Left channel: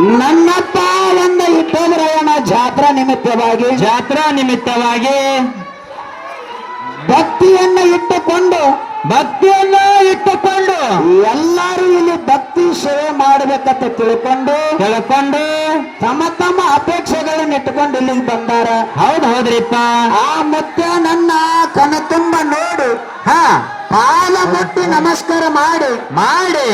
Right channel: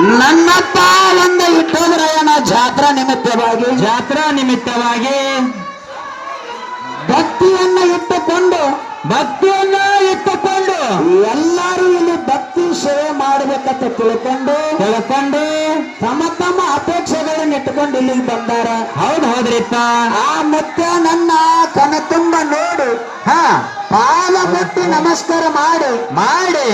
ನನ್ನಪ್ಪ ಒಂದು ಇಟ್ಟೋದ್ರಯ್ಯನ ಜಾತ್ರಾ ನಿಮಿತ್ತವಾಗಿ ಭಕ್ತಿಯನ್ನು ಇಟ್ಟುಕೊಂಡು ಎಲ್ಲರೂ ಇಲ್ಲಿ ಭಕ್ತಿ ಸೇವೆ ಮಾಡಬೇಕಂತ ತಿಳ್ಕೊಂಡು ತಮ್ಮ ತಮ್ಮ ಅಪೇಕ್ಷೆಗಳನ್ನು ಇಟ್ಟುಕೊಂಡು ಇಲ್ಲಿಗೆ ಬಂದಾರ. ಹೌದ್ರಿಪ್ಪ. ಆ ಮುಖ್ಯ ನನ್ನ ಕಣ ತುಂಬ ನೋಡು, ಪಾದ ಮುಟ್ಟಿ ನಮಸ್ಕಾರ ಮಾಡಿ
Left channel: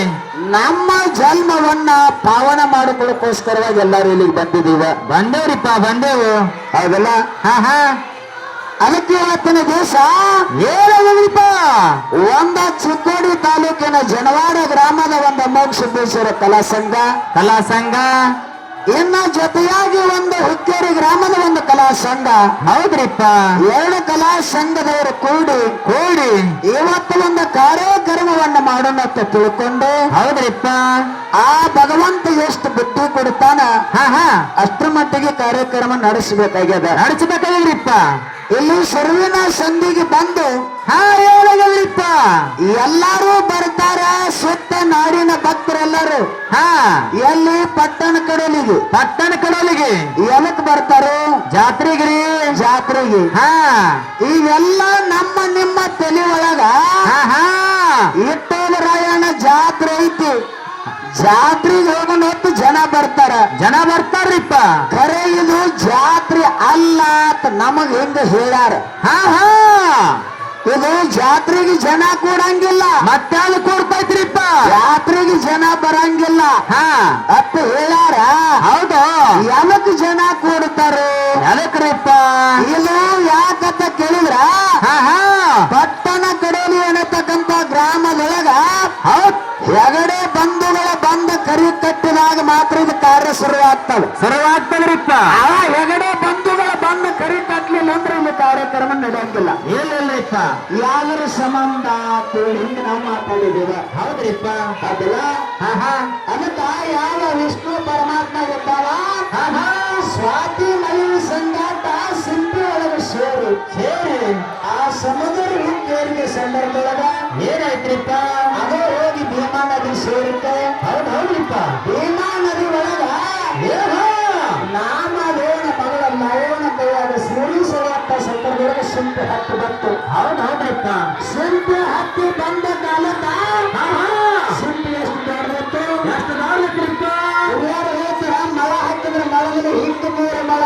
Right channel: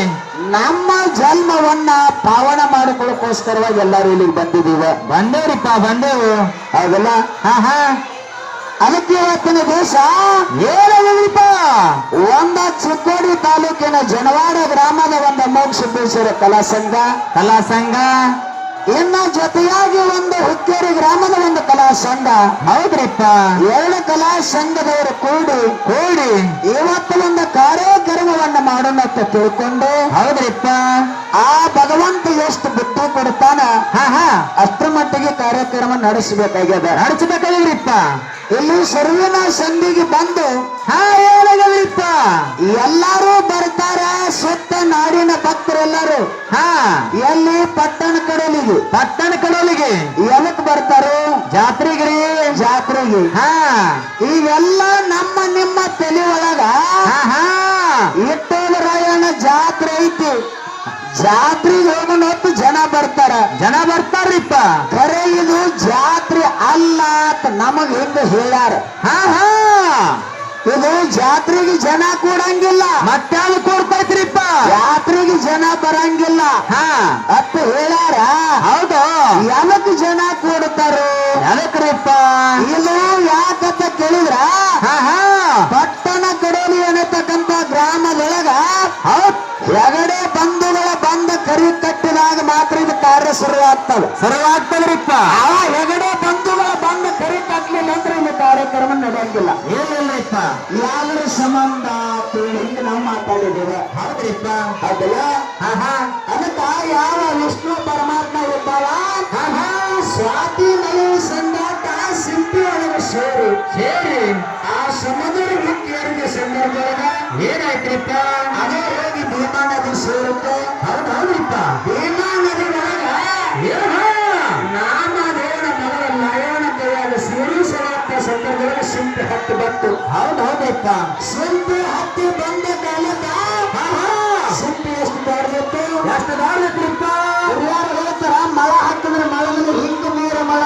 ನಮ್ಮ ಜನ್ಮವನ್ನ ಪಾವನ ಮಾಡಿಕೊಳ್ಳೋಕೋಸ್ಕರವಾಗಿ ಎಲ್ಲರೂ ಇಲ್ಲಿಗೆ ಬಂದೇವು. ಹೌದಲ್ಲ? ಅದಕ್ಕೆ ಇವತ್ತಿನ ದೇಶ ಏನಿಪ್ಪ, ಒಂದ ಚಿಕ್ಕೋಡಿ ತಾಲೂಕಿನ ಜನವಾಡ ಗ್ರಾಮದ ಒಂದು ಅಮೋಘ ಸಿದ್ದೇಶ್ವರ ಕಲಾ ಸಂಘ ಇನ್ನು ಜೊತೆಯಾಗಿ ಒಂದು ಹುಕ್ಕೇರಿ ಗ್ರಾಮದ ಒಂದು ಕಲಾ ಸಂಘ. ಹೌದ್ರಿಪ್ಪ. ಎರಡು ಕಲಾ ಸಂಘದವರು ಕೂಡಿ ಇವತ್ತು ಒಂದು ಕಾರ್ಯಕ್ರಮವನ್ನು ಮಾಡೋಣ ಅಂತ ತಿಳ್ಕೊಂಡು. ಹೌದ್ರಿಪ್ಪ. ಆ ಭಗವಂತ ಎಷ್ಟು ಬುದ್ಧಿ ಕೊಡ್ತಾನ ಅಷ್ಟರ ಮಟ್ಟಿಗೆ ಕಾರ್ಯಕ್ರಮ ನಡೆಸಬೇಕಾಗ್ಯದ್ರಿಪ್ಪ. ಇಲ್ಲಿ ಸರ್ವಿನ ಸಂಧಿಗೆ ಬಂದು ಏನಾಗಿದ್ರಿಪ್ಪ, ಎಲ್ಲರೂ ಬರ್ತಾರ. ಸುತ್ತ ನಾಡಿನ ಭಕ್ತರೆಲ್ಲರೂ ಎಲ್ಲಿ ಪಟ್ಟಣ ಕಡಲಿಗೆ ಎದಕ್ ಬರ್ತಾರೋ? ಜಾತ್ರೆಗೆ. ಇವೆಲ್ಲ ನಮ್ಮ ನಿಮ್ಮ ತಲೆ ಒಳಗ ಇಟ್ಟೋದರಾಯಣ ಜಾತ್ರೆ ಐತಿ, ಜಾತ್ರೆಗೆ ಹೋಗೋಣ ಹೊತ್ತು ಜನ ಬರ್ತಾರ್ರಿಪ್ಪ. ಖರೆ ಇದು ಜಾತ್ರೆ ಅಲ್ಲ ಅಂತ ನಮಗ್ ಹೆಂಗ ಹೇಳ್ಯಾರ. ಇದು ಜಾತ್ರೆಗೆ ಜನ ಕೂಡಂಗಿಲ್ಲ, ಮತ್ತಾಳು ಕೊಡ್ತೈತ್ರಿಪ್ಪ. ಜಾತ್ರೆಗೆ ಜನ ಬರಂಗಿಲ್ಲ ಅಪ್ಪ ಹೇಳ್ಯಾರ. ಹೌದು. ಎದಕ್ ಜನ ಕೂಡ್ತಾರೋ? ಎದಕ್ರಿಪ್ಪ? ಇದು ಯಾಕಂತ ಕೇಳಿದ್ರ ಪಟ್ಟಣ ಕಡೋಲಿ ಅನ್ನತಕ್ಕಂತ ಗ್ರಾಮದೊಳಗ ಹೊರಗಡೆ ಬಂಧುಗಳ ಬಂದು ಕರಿ ಕಟ್ಟಿದಾಗ ಮಾತ್ರ ಇದು ಕಾರ್ಯ ಶುರುವಾಗ್ತದ್ರಿಪ್ಪ. ಹೊರಗಡೆ ಬಂಧುಗಳ ಬಂದು ಕರಿ ಕಟ್ಟಲಿಲ್ಲ ಅಂದ್ರೆ ಇದು ಕಾರ್ಯಕ್ರಮ ನಡೆಯಂಗಿಲ್ಲ. ಏನಿಲ್ಲಪ್ಪ, ಯಾವ್ದ್ರ ಸಂಬಂಧ ಹಿಂಗೆ ನಾವು ಮಾತಾಡಿದ್ದೇವೆ. ಹೌದ್ರಿಪ್ಪ. ಅದಲ್ಲ ಅದಕ್ಕ ಯಾವ ವಿಷ್ಣು ಪರಮಾತ್ಮ ಇದ್ದಾರ ಸ್ವಾತಿ ನಲಿವು ಸಂಗಾಟ ಸಿಂಪಿ ಒಳಗೆ ಸೇರಿ ಆ ಸಮುದ್ರ ಹುಕ್ಕೇರಿಗೆ ಸಂದರ್ಭದೊಳಗ ಏನಾಯ್ತ್ರಿಪ್ಪ? ಅದೇ ಹೋಗಿ ಭೀಮಾ ನದಿ ಸೇರುತ್ತೆ. ಹೌದ್ರಿಪ್ಪ. ಭೀಮಾ ನದಿ ಒಳಗ ನಾಮದೇವನ ಮಗಳ ನಯನ ಕೈಯಾಗ ಸಿರಿ ಸರಿಯಪ್ಪ ಸಂದರ್ಭದೊಳಗೆ ಸಿಂಪಿ ಹತ್ತಿ ಬಂತು. ಹೌದ್ರಿಪ್ಪ. ಸಿಂಪಿ ಹತ್ತಿ ಬಂದ ಕಾಲಕ್ಕ ಸಿಂಪಿ ಎಷ್ಟು ಬಾಡ್ಬೇಕು? ಹಿರಿಯರು ಹೇಳ್ತಾರ, ಮಳ ಹಾಕಿದ್ರೆ ಮಳದಲ್ಲಿ ಹಿಂಗ ನೀರ ಮಳ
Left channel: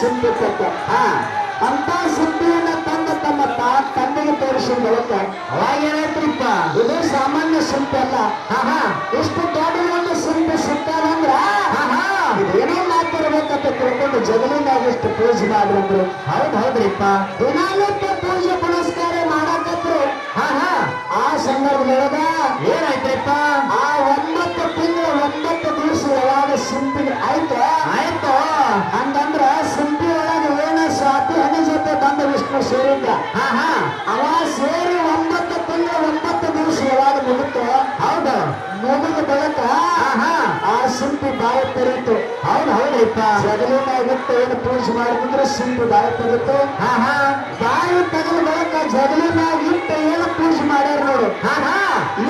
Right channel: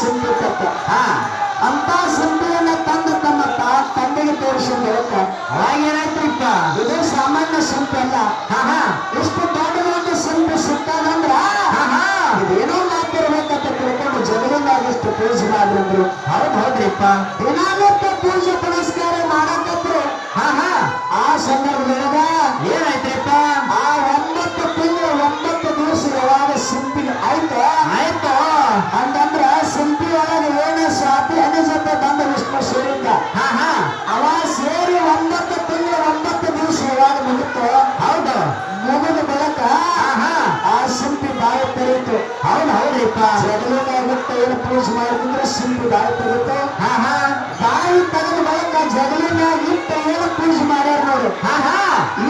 ಸಿಂಪಿ ಕಟ್ಟೆ. ಅಂತ ಸಿಂಪಿಯನ್ನ ತಮ್ಮ ತಂದೆಗೆ ತೋರಿಸಿದ ಹೇಳ್ತಾರೆ. ಅವಾಗೇನಾಯ್ತ್ರಿಪ್ಪ? ಇದು ಸಾಮಾನ್ಯ ಸಿಂಪಿ ಅಲ್ಲ. ಇಷ್ಟು ದೊಡ್ಡ ಒಂದು ಸಿಂಪಿ ಸಿಕ್ಕಾದಂದ್ರ ಇದೇನೋ ಮಾತಿರ್ಬೇಕಂತ ತಿಳ್ಕೊಂಡು ಜಗಲಿನಾಗಿಷ್ಟು ಪೂಜೆ ಮಾಡಿದ್ರು. ಹೌದ್ರಿಪ್ಪ. ದಿನಾನಿತ್ಯ ಪೂಜೆ ಪುನಸ್ಕಾರ ಮಾಡಕತ್ರು. ಆ ಸಂದರ್ಭದೊಳಗ ಏನಾಯ್ತ್ರಿಪ್ಪ? ಆ 9 ತಿಂಗಳು 9 ದಿವಸ ಯಾವಾಗ ಸಿಂಪಿಗೆ ಆಯ್ತು ಹಂಗಂದ್ರ ಸಿಂಪಿ ಒಳಗೆ ಏನ ಸ್ವಾತಿ ಹನಿ ಜೊತೆ ಬಂದ ವಿಷ್ಣು ಸೇರಿದ್ದ. ಅವ ಸೇರಿ 9 ತಿಂಗಳು 9 ದಿವಸ ಯಾವಾಗ ಮುಗಿತು ಮುಗಿದ ಬಳಿಕ ಆ ಸಿಂಪಿ ಬಾಯಿ ತೆರೀತು. ಹೌದ್ರಿಪ್ಪ. ಜಗಲಿನ ಬಿಟ್ಟು ಏನು ಪೂಜೆ ಮಾಡಿದ್ರೆ ಸಿಂಪಿ ಬಾಯಿ ತೆರೀತು. ಬಾಯಿ ತೆಗೆದ ಬಳಿಕ ಜಗಲಿನಾಗ ಇಟ್ಟು ಏನು ಪೂಜೆ ಮಾಡ್ಯಾರ ನೋಡು.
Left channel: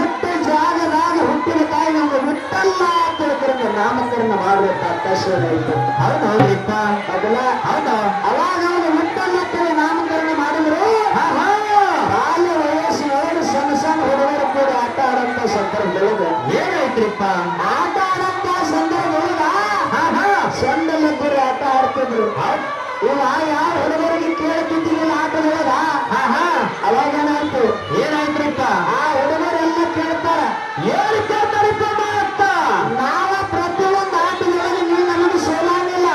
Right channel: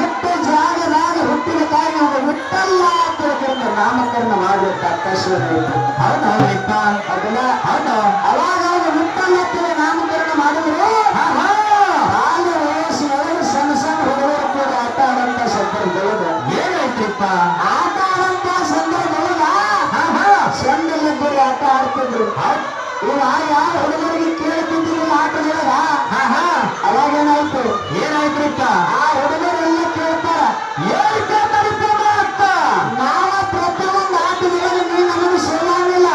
ಇಟ್ಟ ಜಾಗದಾಗ ಹುಟ್ಟಿದ ತಾಯಿ ನಾವು ಬಿಟ್ಟಲ್ಲ ತಿಳ್ಕೊಂಡು ನಾಮಕರಣ ಮಾಡಬೇಕು ಅವಕಾಶ ಇತ್ತು. ಹೌದ್ರಿಪ್ಪ. ಅದಲ್ಲ ಅವಾಗ ಅವರು ಬಿಟ್ಟಲ್ಲ ನಾಮಕರಣ ಮಾಡಿದ್ರು. ಬಾಲ್ಯ ವಯಸ್ಸು ಸಣ್ಣ ಹುಡುಗರು ಕೂಡ ಆಟ ಆಡಂತ ಸಂದರ್ಭದೊಳಗ ಏನಾಯ್ತ್ರಿಪ್ಪ? ಆಟ ಆಡಂತ ಸಂದರ್ಭದೊಳಗ ಸಣ್ಣಲ್ಲಿದ್ದರು ಆಟ ಆಡ್ತಿದ್ರು. ಇವ ಯಾವ ಹುಡುಗರಿಗೆ ಕೇಳ್ತಿದ್ದಿಲ್ಲ ಆಟದೊಳಗ. ಅವಾಗೇನಾಯ್ತು? ಏನಾಯ್ತ್ರಿಪ್ಪ? ಆ ಹುಡುಗರೆಲ್ಲ ಕೇಳ್ತಾರ, ಏನು ಕೇಳ್ತಾರಿಪ್ಪ? ನಾವ ಪ್ರತಿಯೊಂದು ಆಟದೊಳಗೆ ನೀನು ನಮಗೆ ಸೇರಿಲ್ಲ,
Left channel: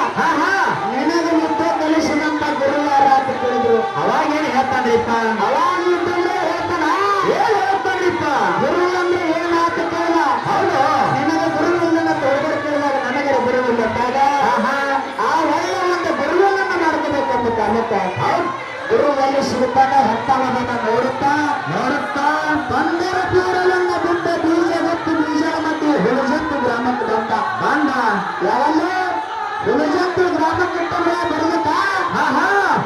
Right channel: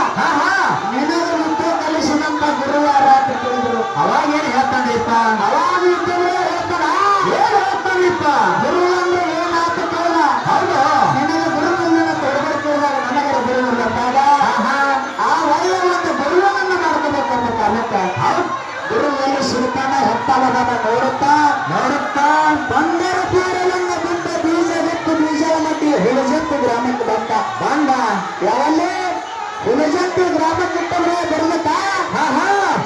ನಿನಗೆ ಮುಟ್ಟು ಕಲಿಸಿದಂತ ಗುರುವಾರ ಅಂತ ಕೇಳಿದ್ರು. ಅವಾಗೇನು ಹೇಳ್ತಾನ್ರಿಪ್ಪ? ಅವಾಗ ಇದ್ದರೆ ಹೇಳ್ತಾರ, ಏನ್ ಹೇಳ್ತಾನ್ರಿಪ್ಪ? ಗುರು ಅಂದ್ರೆ ಏನಾತ ಕೇಳ. ಹೌದು. ನಿನಗೆ ಗುರು ಇಲ್ಲ ಕೇಳಿದಾಗ ನನಗೆ ಗುರು ಇಲ್ಲ ಅಂದಾಗ ಆ ಒಳ್ಳೆಯ ಒಂದು ಗುರುವನ್ನ ಮಾಡ್ಕೋಬೇಕಂತ ಕಾಲಕ್ಕೆ ಗುರುವಲ್ಲಿ ಸಿಗುತ್ತಾನ ಹತ್ತಾನದನ್ನ ನೋಡುತ್ತಾ ಬಂದರ ತೀರಲನ್ನ ಬಿಟ್ಟ ಬೀಜ ಮಧ್ಯೆ ಹುಳಿಜತ್ತು ಗ್ರಾಮಕ್ಕೆ ಬಂದ. ಯಾವಲ್ಲೇ ಹುಳಿಜತ್ತು ಗ್ರಾಮಕ್ಕೆ ಬರ್ಲತ್ತ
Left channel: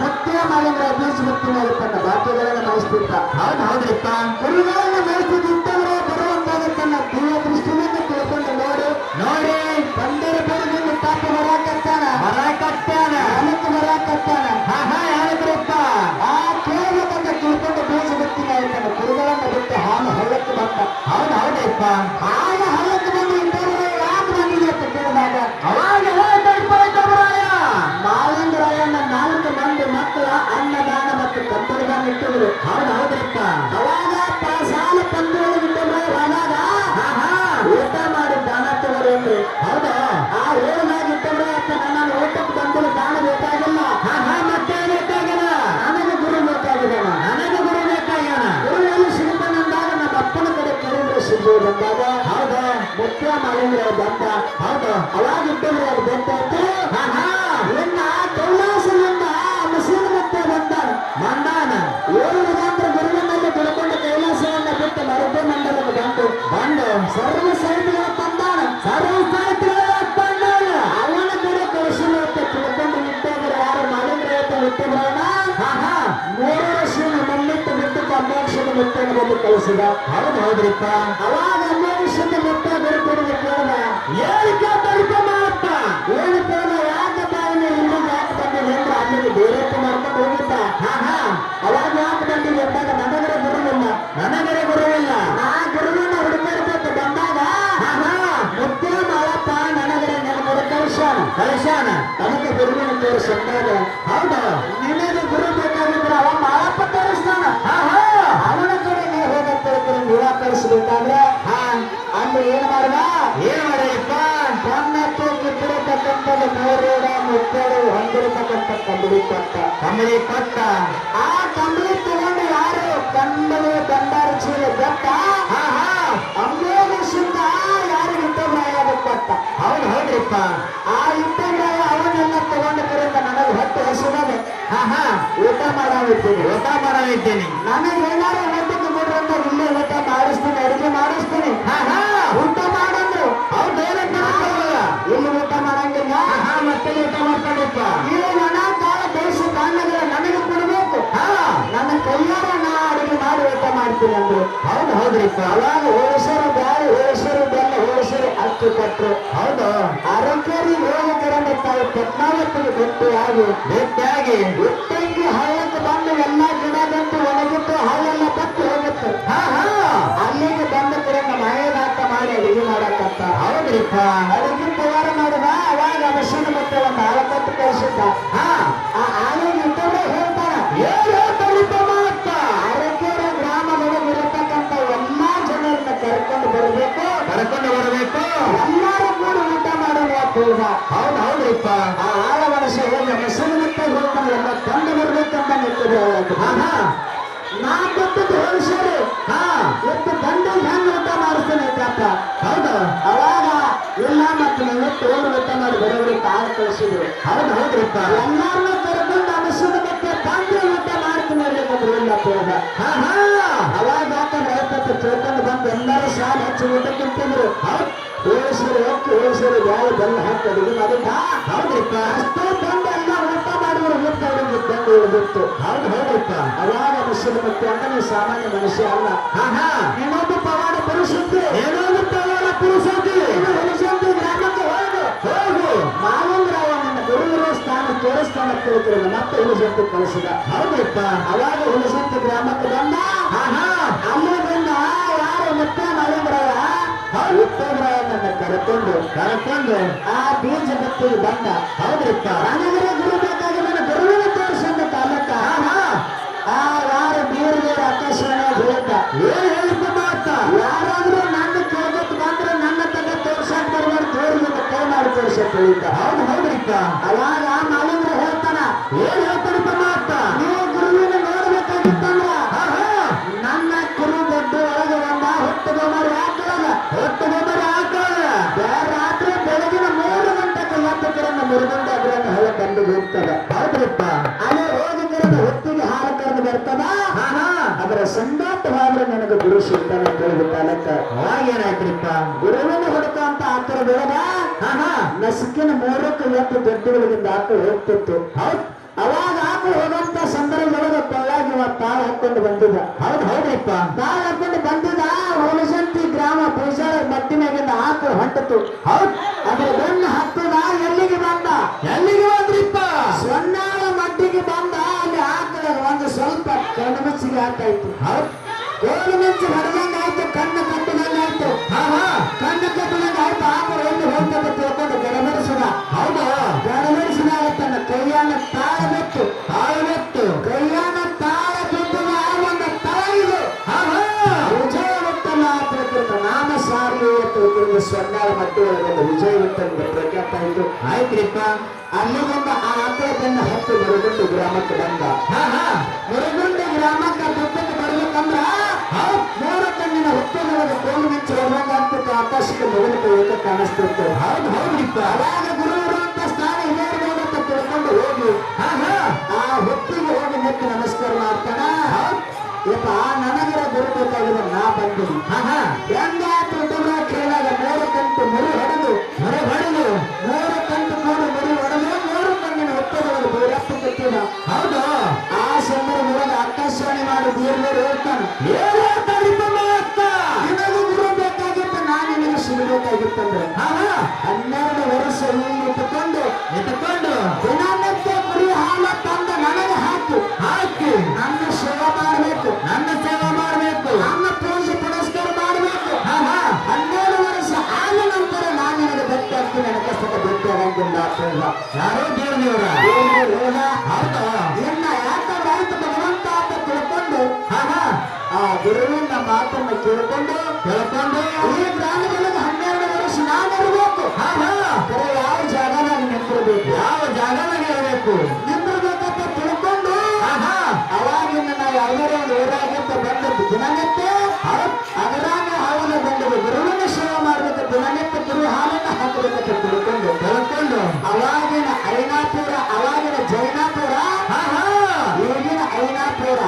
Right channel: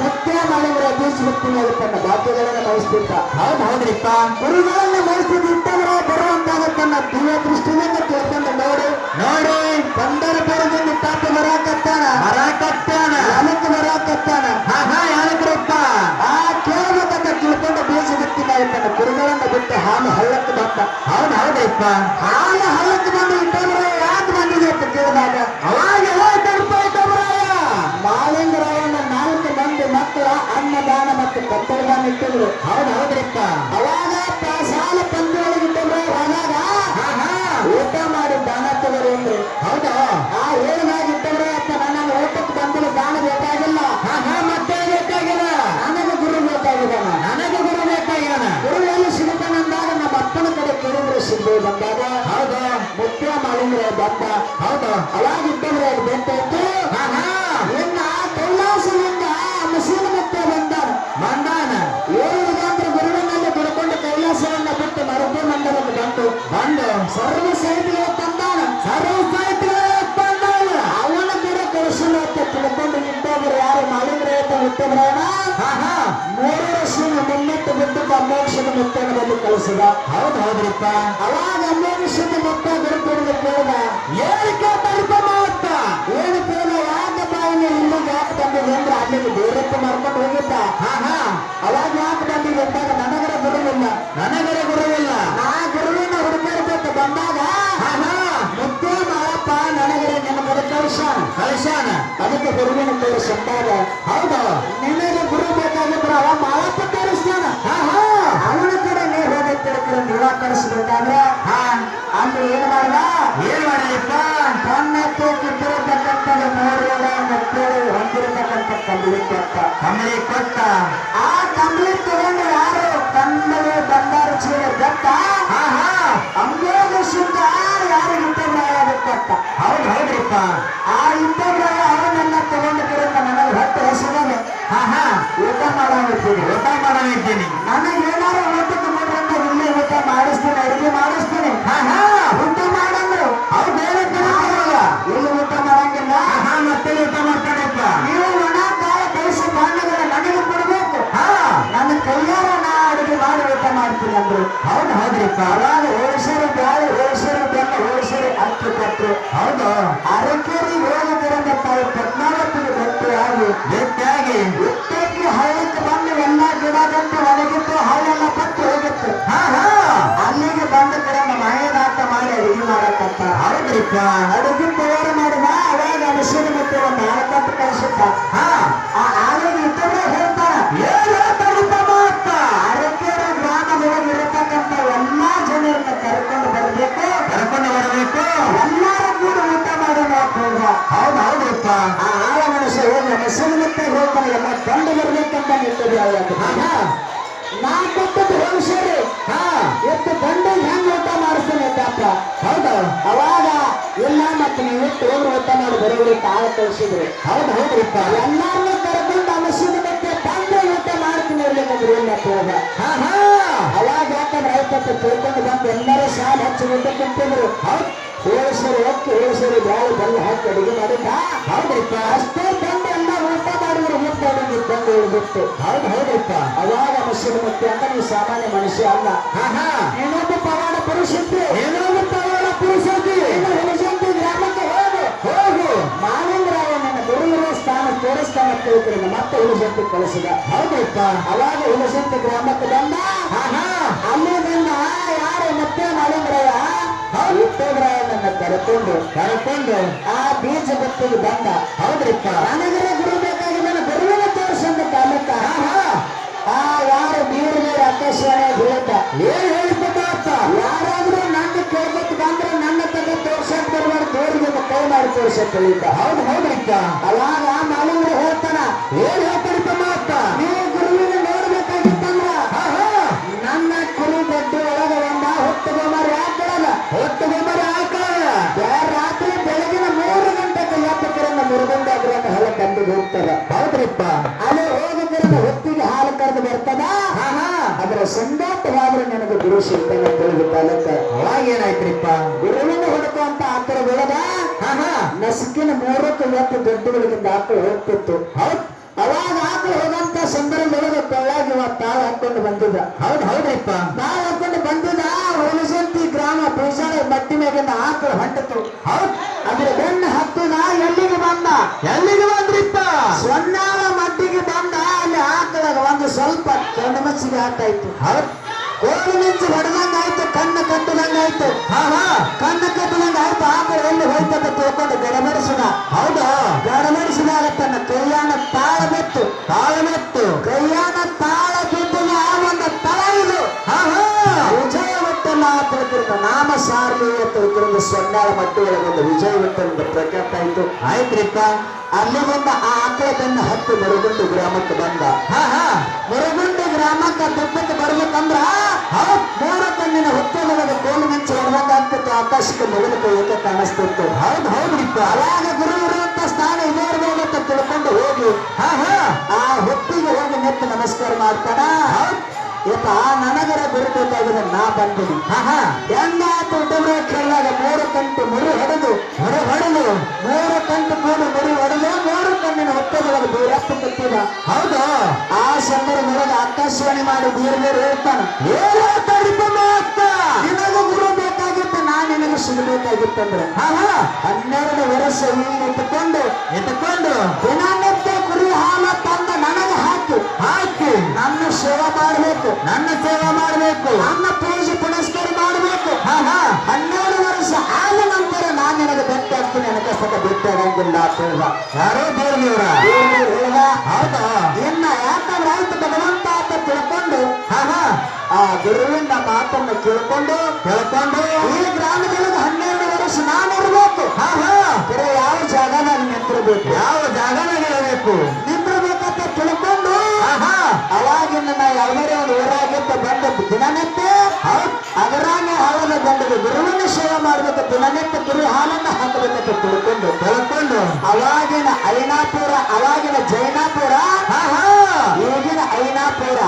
ಮುಖ್ಯ ಮಾಡಿದ್ರೆ ಬೀಜ ಮುಕ್ತಿಯಾಗುತ್ತಾನ. ಬಾಕಿಗಳನ್ನ ಬಯಸ್ತಿರ್ತ. ಹೌದ್ರಿಪ್ಪ. ಗುರುಗಳನ್ನ ಬಯಸ್ತಿದ್ದಂದ್ರೆ ಬರುವಂತಾಗ ತನ್ನ ದಿವ್ಯ ದೃಷ್ಟಿಯಿಂದ ತಿಳ್ಕೊಂಡು ನೋಡಿ ಬಂದ ಬಂದ್ರು. ಹೌದಾ ಆ ಹೇಳಿದಾಗ ಇಟ್ಟವ್ರೆ ಅಂತ ನನ್ನ ಊಟಕ್ಕೆ ಬಂದಿಲ್ಲ, ದಾನ ಬೇಕಾಗಿಲ್ಲ, ಮತ್ತೆ ಬೇಕಾಗಿಲ್ಲ, ನನಗೆ ಗುರು ಬೇಕಾಗಿದ್ದಾನ. ನನಗೆ ಗುರು ಬೇಕಾಗ್ಯಾನ. ಗುರು ಎಲ್ಲಿ ಸಿಗುತ್ತಾನಂದಾಗ ನಮ್ಮ ಅಪ್ಪನ ಕಡೆ ಕೇಳಿದ್ರೆ ಸಿಗ್ಬೋದು ಬಂದಾಗ ಹೌದಾ ಮುಖ್ಯ ಮಾಡಿದ್ರೆ ಬಂದ. ಹೌದು ಅವಾಗ ಇಟ್ಟವ್ರೆ ಅದು ಬಂತಾಯ್ತು. ಇನ್ನ ಕೈಲಾಸದಿಂದ ಮಸೀದ ಮತ್ತೆ ಬಂದಾನ. ಮಂದಾನ ಏಳುವುದಂದ್ರೆ ಗುರುವಿನಲ್ಲಿ ದುಡ್ಕೊಂಡು ಕೈಲಾಸವನ್ನ ಬಿಟ್ಟು ಮರುದೇ ಮಂಡಲಕ್ಕೆ ಬಂದು ಸರ್ವ ಸೈನಿಕರು ತಂದಾನ. ಸರ್ವ ಸಾಹಿತ್ಯಗಳು ಬಂದಾನ. ಅವನ ಕಡೆ ಕಳಿಸಿಲ್ಲ ಅಂತ ತಿಳ್ಕೊಂಡು ಇದ್ದವರು ಯಾರು ಮಾಲಿಂಗ್ರೆ ಅಂತ ಹುಟ್ಟಿದ್ರನ 3 ವರ್ಷ ಮುನ್ನಿಟ್ಟು ಬಿಟ್ಟು ಅಮೋಕ್ಷದ ಮುತ್ತನ ಬಂದು ಕಳಿಸಿದ. ಹೌದು ಹೌದ್ರಿಪ್ಪ. ಅವಾಗ ಅಮೋಕ್ಷದ ಮುತ್ತ ಗುರುಪಡಿಗೆ ಕೇಳಿದ, ಹೇಳಿಕೆ ತರ್ಪ ಏನು ಕೇಳಿದ, ಯಾಕೆ ಬಾಯಿನ ಇಲ್ಲಿಗೆ ಯಾಕೆ ಬಂದಿದೆ ಅಂದ್ರೆ ಅಲ್ಲಿಗೆ ಬೇರೆತ್ತು ಮಾಡ್ಕೊಂಡು ಹೋಗಿದ್ದ. ಅವಾಗ ಯಾಕೆ ಬಂದಿದೆ ಅಂದಾಗ ನನಗರ ಗುರುವಿಲ್ಲ, ನನಗರ ಗುರುವಿಲ್ಲ, ನಾ ಗುರುವಿನ ಹುಡುಕಾಡ್ಬೇಕು ಬಂದಾಗ ಮುತ್ತೇ ಮಾಳಪ್ಪ ನನಗರ ನನ್ನ ಕಳಿಸ್ಯಾನ. ಅದಕ್ಕೆ ಗುರುವಿನ ತೋರಿಸಿದ್ದಾಗ ಹೌದು ನಿನಗೆ ಗುರು ಬೇಕಾಗಿದ್ರೆ ಅವ ಮಾಳಪ್ಪ ತೋರಿಸ್ತಾನ. ಅವನ ಕಡೆ ನೀ ಹೋಗಕ್ಕೆ ನಿರಾಕರಿಸಬೇಕಾದ್ರೆ ಅಲ್ಲಿ ಏನು ಮಾಡ್ದ, ಏನ್ ಮಾಡಿರಪ್ಪ? ತನ್ನಕ್ಕೆ ಕುತ್ತಿರತಕ್ಕಂಥದ್ದು 3 ಮುತ್ತೇರು ಹೊಂದಿರತಕ್ಕಂಥ ಕಂಬಳಿ ಕೊಟ್ಟ. ಕಂಬಳಿ ಕೊಟ್ಟ. ಆ ಕಂಬಳಿ ತಗೊಂಡು ಯಾರು ಕಣ್ಣನೆ ಬಂಗಾರ ಚೀಲ ಬೆಟ್ಟ ಅಮೋಘ ಶುದ್ಧ ಯಾರು ಇಟ್ಟರಾಯ ಕೊಟ್ಟ. ಹೌದು ಹೌದ್ರಿಪ್ಪ. ಆ ಇಟ್ಟರಾಯ ಅವನನ್ನ ತಗೊಂಡು ಬರುತ್ತ ನನಗೆ ಹೊಟ್ಟೆ ಹೆಸರಿದೆ, ಊಟ ಮಾಡಾಗಿದ್ದೀನಿ, ಊಟ ಮಾಡಲಿದ್ದೀನಿ. ನನಗೆ ಏನಾದ್ರು ಊಟಕ್ಕೆ ಬಿಡುತ್ತೆ, ಇಲ್ಲೇ ಊಟ ಮಾಡಿಸ್ತೀನಿ, ಅಡಿಗೆ ಮಾಡಿಸ್ತೀನಿ, ಊಟ ಮಾಡಂದ್ರು. ಅವ್ರು ಬೇರೆ ಬರಲ್ಲ. ಇಲ್ಲಿ ಊಟ ಮಾಡಂಗಿಲ್ಲ, ಮತ್ತೆ ಊಟ ಮಾಡ್ತಾರಪ್ಪ. ನೀವು ಒಣ ಕಾಳ ಬೇಯಿಸಿ ಬಾಂಡಗಳ ನನಗೆ ಕೊಡಬೇಕು, ನನ್ನ ಕೈಯಾರ ನಾ ಅಡಿಗೆ ಮಾಡಿ ಊಟ ಮಾಡ್ತೀನಿ ಅಂದ್ರು. ಹೌದು ಹೌದ್ರಿಪ್ಪ. ಅವಾಗ ಹೋಳಿಸರಿ ಬ್ಯಾಳಿ, ಹೋಳಿಸರಿ ಬೆಲ್ಲ, ಹೋಳಿಸರಿ ಅಕ್ಕಿ ಕೊಟ್ಟರು. ಹೌದು ಅರಕೇರಿ ಹೋಗಕರಂತ ಪದ್ಮಾವತಿಗೆ ಗೊತ್ತು ಆಗಿ ಭೇಟಿಯಾಗಿ ಉತ್ತಕ್ಕೆ ಹಳ್ಳಕ್ಕೆ ಬಂದು ಎಲ್ಲ ಗಿಡ ಗಂಟು ಒಣಗಿತ್ತು, ಹಾಳೆಲ್ಲ ಪತ್ತು ಹೋಗುತ್ತೆ. ಅಲ್ಲಿಗೆ ಬಂದ ಕಡೆ ಮನೆಯದಾಟ ಮಾಡಿ ಅಡಿಗೆ ಮಾಡಕ್ಕಂತ. ಹೌದ್ರಿಪ್ಪ. ಅಡಿಗೆ ತಯಾರು ಮಾಡಿದ. ಅವಾಗ ಮಸೀದಿ ಮತ್ತೆ ಒಂದು ಆಳಕಟ್ಟು ಕಳಿಸಿದ್ದ. ಆಗ ಇಟ್ಟರೆ ಹೇಳ್ತಾರ, ಏನ್ ಹೇಳ್ತಾರಿಪ್ಪ ಮಾತ? ಅರಕೇರಿ ಗ್ರಾಮದೊಳಗೆ ಇರತಕ್ಕಂಥ ಎಲ್ಲಾ ಜನರನ್ನ ಕರ್ಕೊಂಡು ಬರಬೇಕು, ಕರ್ಕೊಂಡು ಬರಬೇಕು, ಎಲ್ಲರೂ ಕೂಡ ಊಟ ಮಾಡೋಣ ಹೋಗ. ಹೌದು ಹೌದ್ರಿಪ್ಪ. ಆ ಆಳ ಮನುಷ್ಯ ಹೇಗೆ ಮಸೀದಿ ಮತ್ತೆ ಹೋಗ್ತಾನೆ, ಎಲ್ಲ ಕಂಡು ಬರ್ಬೇಕಂತ ನಿಂತದೆ. ನಾ ಕೊಟ್ಟದ್ದು ಹೋಲಿಸರಿ ಎಷ್ಟು ಗಂಡ ಹೆಂಗ್ ಊಟ ಮಾಡಿಸ್ತಾನೆ ಪಾಪ. ಹೌದು ಅವಾಗ ಇಲ್ಲ ಮತ್ತೆ ನೀವು ತೋರು ಊಟ ಮಾಡಿ ಬರೋರು ಕಾಲ ಕಳಿಸಿದ್ರು. ಹೌದು ಹೌದ್ರಿಪ್ಪ. ಎಲ್ಲಾರನ್ನೂ ಕರ್ಕೊಂಡು ಅನಿಸಿದ ಮತ್ತೆ ಬಂದ್ರೆ ಊಟ ಮಾಡ್ತೀನಿ ಇರ್ಲಿಕ್ಕಂದ್ರೆ ಇಲ್ಲ ಹೋಗ. ಅವಾಗ ಯಾಕಂದ್ರೆ ಆಯ್ತಪ್ಪ ತಿಳ್ಕೊಂಡು ಬಂದು ಎಲ್ಲರೂ ಸಾಲ ಹಚ್ಚಿ ಊಟ ತಿಂತಿದ್ರು. ಹೋಲಿಸರಿ ಹೊತ್ತು ಹೋಲಿಸರಿ ಬ್ಯಾಳೆ ಬೆಲ್ಲ ಹಾಕಿ ಅಡುಗೆ ಮಾಡಿದ್ದ. ಹೌದ್ರಿಪ್ಪ. ಅಷ್ಟೇ ಬಂದು ಎಲ್ಲ ಊಟ ಮಾಡಿದ್ರು ಮುದ್ದು ಅವರಿಗೆ ಬಂದು ಉಳಿದಿತ್ತು. ಹೌದು ಹೌದ್ರಿಪ್ಪ. ಅವಾಗ ಮನುಷ್ಯನ ಮತ್ತೆ ಅಂದ್ರೆ ನೀವು ಸಾಮಾನ್ಯ ಮನುಷ್ಯ ಅಲ್ಲ, ಇನ್ನೊಬ್ಬ ಪವಾಡ ಪುರುಷದ್ದು, ಏನೋ ತಗೋಣ ಪುರುಷಾದಿ. ಹುಲಿಸಂತಿ ಗ್ರಾಮಕ್ಕೆ ಹೋಗು ಮಾಲಿಂಗರಾಯ ನನ್ನ ಗುರುವಿನ ಸ್ಥಾನ ತೋರಿಸ್ತಾನ ತಿಳ್ಕೊಂಡು ಮತ್ತೆ ಹುಲಿಸಂತಿ ಕಳಿಸಿದ. ಹೌದ್ರಿಪ್ಪ. ಅವಾಗ ಹುಲಿಸಂತಿ ಗ್ರಾಮಕ್ಕೆ ಬಂದ. ಅಲ್ಲಿಂದ ಯಾರು ಮತ್ತೆ ಮಾಲಿಂಗರಾಯ ಉತ್ತಮರಾಯನನ್ನ ಕರೆಕೊಂಡು ಆ ಬೀಜ ಬತ್ತಿಗೆ ಬಂದ. ಹೌದ್ರಿಪ್ಪ. ನನಗರ ಗುರು ಬೇಕಾಗಿ ನನ್ನ ಗುರುವಿನ ತೋರಿಸಂದ ಕಾಲಕ್ಕ ಯಾರು ನೀರು ಅತ್ಯಶ್ವರ ಹೇಳ್ತ ಏನ್ ಹೇಳಿಪ್ಪ ಮಾತ? ಯಾರಾದ್ರೂ ನನ್ನ ಕೇಳ್ಬೇಕು ಬಂದ್ರೆ ನನ್ನ ತಗ ತೋರ್ಸಕ್ ಬರುವಾಗ ತೋರಿಗೆ ಕೈ ಮಾಡಿ ತೋರ್ಸಕ್ ಹೇಳಿದ್ದ. ಹೌದು ಹೌದ್ರಿಪ್ಪ. ಅವಾಗ ಮಾಲಿಂಗರು ಹೇಳ್ತಾನ, ಏನ್ ಹೇಳ್ತಾರಿಪ್ಪ ಮಾತ? ನೀವು ಗುರುವಿನ ನೋಡ್ಬೇಕಾಗಿತ್ತಂದ್ರ ನನ್ನ ಕುರು ದೊಡ್ಡ ಒಳಗರಿಂದ ಹೊತ್ತುಗೊಂಬರ ಯಾಕಳಲ್ಲ, ಹೊತ್ತುಗೊಂಬರ ಹಾಕೋಣ. ರಾತ್ರಿ ಬೆಳಗಿನ 3 ಗಂಟೆಗೆ ಎತ್ತಕರನ್ನ ಮುರುಗಂಡ ಅದ್ರನ್ನ ಹೊಲ ಬಂದು ಹೋಗ್ತದ. ಹೌದ್ರಿಪ್ಪ. ಅಲ್ಲಿ ಹೋಗಕರನ್ನ ಹೊತ್ತಿಗೆ ಹಾಲು ಕರೆದು ಬರ್ತದ. ಅದರ ಸಂಗಾಟವಾದ್ರೆ ನನಗೆ ಗುರು ಸಿಗ್ತಾನೆ ತಿಳಿದು ಕಾಲಕ್ಕ. ಅವಾಗ ಏನಾಯ್ತ್ರಿಪ್ಪ? ಗುರುವಿನ ಹುಡುಕ ಅಂತ ಆತರದೊಳಗ ನಸುಕಿನ 3ಕ್ಕೆ ಎತ್ತು ದೊಡ್ಡಗಳಿಂದ ಆಕಳು ಹೋಗ್ತಿತ್ತು. ಅವಾಗ ಆಕಳು ಹೋಗಂತ ಸಂದರ್ಭದೊಳಗ ಬೆಳ್ಳಾಗಿ ತಾಳ ಹಾಕೊಂಡು ಬಂದಿದ್ದ. ಹೌದು ಹೌದ್ರಿಪ್ಪ. ತಾಳ ಹಾಕೊಂಡು ಬಂದಿದ್ದ. ಹುಲಿಸಂತಿ ಗ್ರಾಮ ಪೂಜಾರ ಮಟ್ಟಿನಾಗಿಂದ ಆಕಳು ಹೊಂಟಿತು. ಅದ್ರ ಬೆನ್ನು ಹತ್ತದ. ಎಲ್ಲಿಗೆ ಬಂದ? ಎಲ್ಲಿಗೆ ಬಂದ್ರಿಪ್ಪ? ಸೊನ್ನಾಳ ಮಟ್ಟಿಗೆ ಬಂದ. ಅಲ್ಲಿ ಆಕಳಾಗ ಒಂದು ಸ್ವಲ್ಪ ಕಣ್ಣು ಮಚ್ಚಿಗೆ ಆಟಾಯ್ತು. ಕೋಲು ನುಚ್ಚು ಹೊಡೆದಂಗ ಆಯ್ತು, ಕಣ್ಣು ಕಟ್ಟದಂಗ ಆಯ್ತು. ಕಣ್ಣು ಕಟ್ಟದಂಗ ಆಯ್ತು. ಆಕಳು ಎಲ್ಲಿ ಹೋಗ್ತದೆ ತಿಳ್ಕೊಂಡು ಗಡಬಡಿಸಿದ. ಹೌದಾ? ಗಡಬಡಿಸಿದಾಗ ತನ್ನ ಕೈಯಾನ ತಾಳ ಬಿತ್ತು. ಕೈಯಾನ ತಾಳ ಬಿದ್ದು ಒಂದು ತಳ ಇದು ವಿಜಯ ಗೊತ್ತಲ್ಲ ತಿಳ್ಕಿರ್ತ ನಾಮ ಸಾರಿ ತಿಳ್ಕಿருந்து ಸೊನ್ನಾಳ ಮಟ್ಟಿ ಒಳಗೊಂದು ವಿಜಯವಂತ ಪ್ರಖ್ಯಾತ ಆಯ್ತು. ಆಯ್ತ್ರಿಪ್ಪ. ಅಲ್ಲಿ ಬಂದ ಆ ಆಕಳದನ್ನ ಹತ್ತು ಮರಗುಂಡು ಗ್ರಾಮಕ್ಕೆ ಬಂದ. ಮರಗುಂಡು ಗ್ರಾಮಕ್ಕೆ ಬೆಟ್ಟಕ್ಕೆ ಬರ್ಬೇಕಂದ್ರ ಮೂರು ಕಣ್ಣಿನ ಹೊತ್ತೊಳಗದ ಕೋಲು ಮಿಂಚು ಹೊರದಂತ ಆಕಾಶಕ್ಕೆ ಮೊದಲಕ್ಕೆ ಏಕ ಕಾಣಿಸ್ತಿತ್ತು. ಹೌದು ಹೌದ್ರಿಪ್ಪ. ಅವಾಗ ಗುರುವರು ಅಂತ ಸ್ಥಾನ ಇದೇರ್ಬೋದಂತ ತಿಳ್ಕೊಂಡು ಹೋಗಿ ಆ ಹೊತ್ತಿಗೆ ಹೋಗಿ ನೆಟ್ಟು ನಮಸ್ಕಾರ ಮಾಡ್ತಾನ. ಯಪ್ಪ ನನಗರ ಗುರುಬೇಕಾಗಿದೆ, ನಾ ಬಂದಿನಿ. ಹೆಂಗಾತು ಹುಡುಗರ ಕೇಳಾಗ ಮೂರು ಕಂಟು ಮುರಿ ಹೊಡೆದು ಮೂರು ಕಂಟು ಕೂಡಿ ಮುರಿ ಹೊಡೆದು ಮೂರು ಕಣ್ಣಿನ ಹೊತ್ತದೊಳಗೆ ಬೇರತ್ತು ಕಟ್ಟಿದ. ಹೌದು. ಆ ಸಂದರ್ಭದೊಳಗೆ ಆಕಾಶವಾಣಿ ಮಾಡಿ ಬೀರ್ಬೇರು ಹೇಳ್ತಾನೆ, ನಿನಗೂ ಗುರು ಬೇಕಾಗಿತ್ತು, ನಾ ನಿನಗೆ ಸಿಗಬೇಕಾಗಿತ್ತಂದ್ರೆ 12 ವರ್ಷ ಈಗ ಎತ್ತುಕೊಂಡು ದಿನನಿತ್ಯ ಕುರಿ ಹಾಲ ತಂದ ನನಗೆ ಹಾಕಿ ನನ್ನ ಸೇವೆ ಮಾಡಬೇಕು, ನನ್ನ ಪೂಜೆ ಪುನಸ್ಕಾರ ಮಾಡಬೇಕು. 12 ವರ್ಷ ಆದ ನಂತರ ನಾನು ನಿನಗೆ ಬೆಟ್ಟ ಆಗ್ತೀನಿ, ನನ್ನ ಕಷ್ಟಕ್ಕೆ ಬಿಟ್ಟಾಗಂಗಿಲ್ಲ ಅಂತ ಹೇಳ್ದ. ಯಾರೋ ದೇವ್ರ ಹೇಳ್ದ. ಹೌದಾ. ಇನ್ನ ಯಾಕಂದ್ರೆ ಆಯ್ತು ಭಗವಂತ ಅಂತ ತಿಳ್ಕೊಂಡು ಆ ಗುರುವಿನ ಮಾತನ್ನು ಕೇಳ್ಕೊಂಡು ಈ ಗ್ರಾಮದೊಳಗೆ 12 ವರ್ಷ ನಾನು ಇರಬೇಕು. ಬರೀ ಯಾವ ಜಾಗದಾಗ ನಿಂತಿರ್ಬೇಕು, ನಿಂತಿರ್ಬೇಕಂತ ತಿಳ್ಕೊಂಡು ಅವಾಗಿನ ನಾ ಯಾವುದೇ ಒಂದು ಊರಾಗಿದ್ದ ಬಂದದ್ದು ದಿನನಿತ್ಯ ಅದರಾನ ಹಾಲನ್ನು ಬಂದದ್ದು ಗುರುವಿನ ಸೇವೆ ಮಾಡ್ಬೇಕು, ದಿನನಿತ್ಯ ಗುರು ಹಾಲನ್ನು ಹಾಕಬೇಕಂತ ತಿಳ್ಕೊಂಡು ಅವಾಗಿನ ಐನಾಪುರ, ಅವಾಗಿನ ಜೈನಾಪುರ, ಈಗಿನ ಐನಾಪುರ.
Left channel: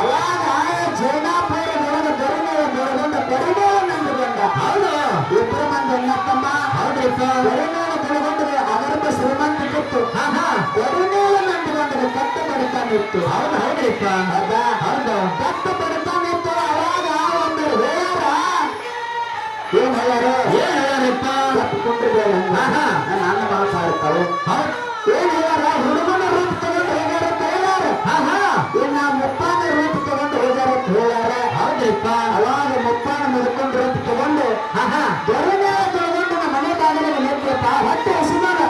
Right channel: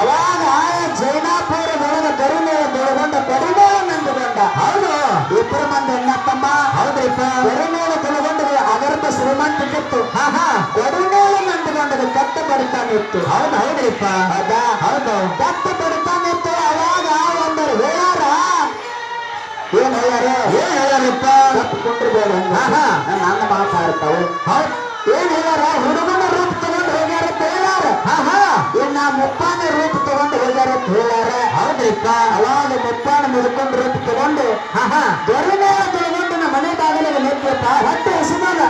ಅವಾಗ ಜೈನಾಪುರದೊಳಗ ಗರುಮೇಳ ಬೆಳಗೊಂಡ ಗರುಮೇಳ ನಂದುಕೊಂಡ. ಹೌದು. ಇಬ್ಬರು ಮಂದಿ ಅಣ್ಣಪ್ಪಮ್ಮ. ಹೌದ್ರಿಪ್ಪ. ಗರುಮೇಳ ಬೆಳಗೊಂಡಗೆ ಅಗರ್ಭ ಶ್ರೀಮಂತಿತ್ತು. ಗರುಮೇಳ ನಂದುಕೊಂಡಗೆ ಕಟ್ಟ ಬಡತಾನಿತ್ತು. ಹೌದ್ರಿಪ್ಪ. ಹೌದು, ಕಟ್ಟ ಬಡತಾನಿತ್ತು. ಅವಾಗ ಒಂದು ಹೇಳಾರ, ಏನ್ ಹೇಳ್ಯಾರಿಪ್ಪ. ನನ್ನ ಮಾತಾಡ್ತಾವೆ. ಏನ್ ಹೇಳಾರ, ಹುಡುಗನ ರೂಪ ತಗೊಂಡು ಹೋಗ್ಯಾರ ಅಂತ ಹೇಳ್ಯಾರ. ಇನ್ನ ಮುಪ್ಪಾನ ರೂಪ ತಗೊಂಡು ಹೋಗ್ಯಾರ ಅಂತ ಹೇಳ್ಯಾರ. ಹೌದ್ರಿಪ್ಪ. ಅವಾಗ ಮುಪ್ಪಾನ ಮುಡ್ಕೊಂಡು ರೂಪ ತಗೊಂಡು ಗರುಮೇಳ ತಗೊಂಡು ನಮ್ಮ ಮನೆ ಬಾಗಿಲಿಗೆ ನಿಂತ ಹೊಟ್ಟೆ ಹಸಿಮಾನ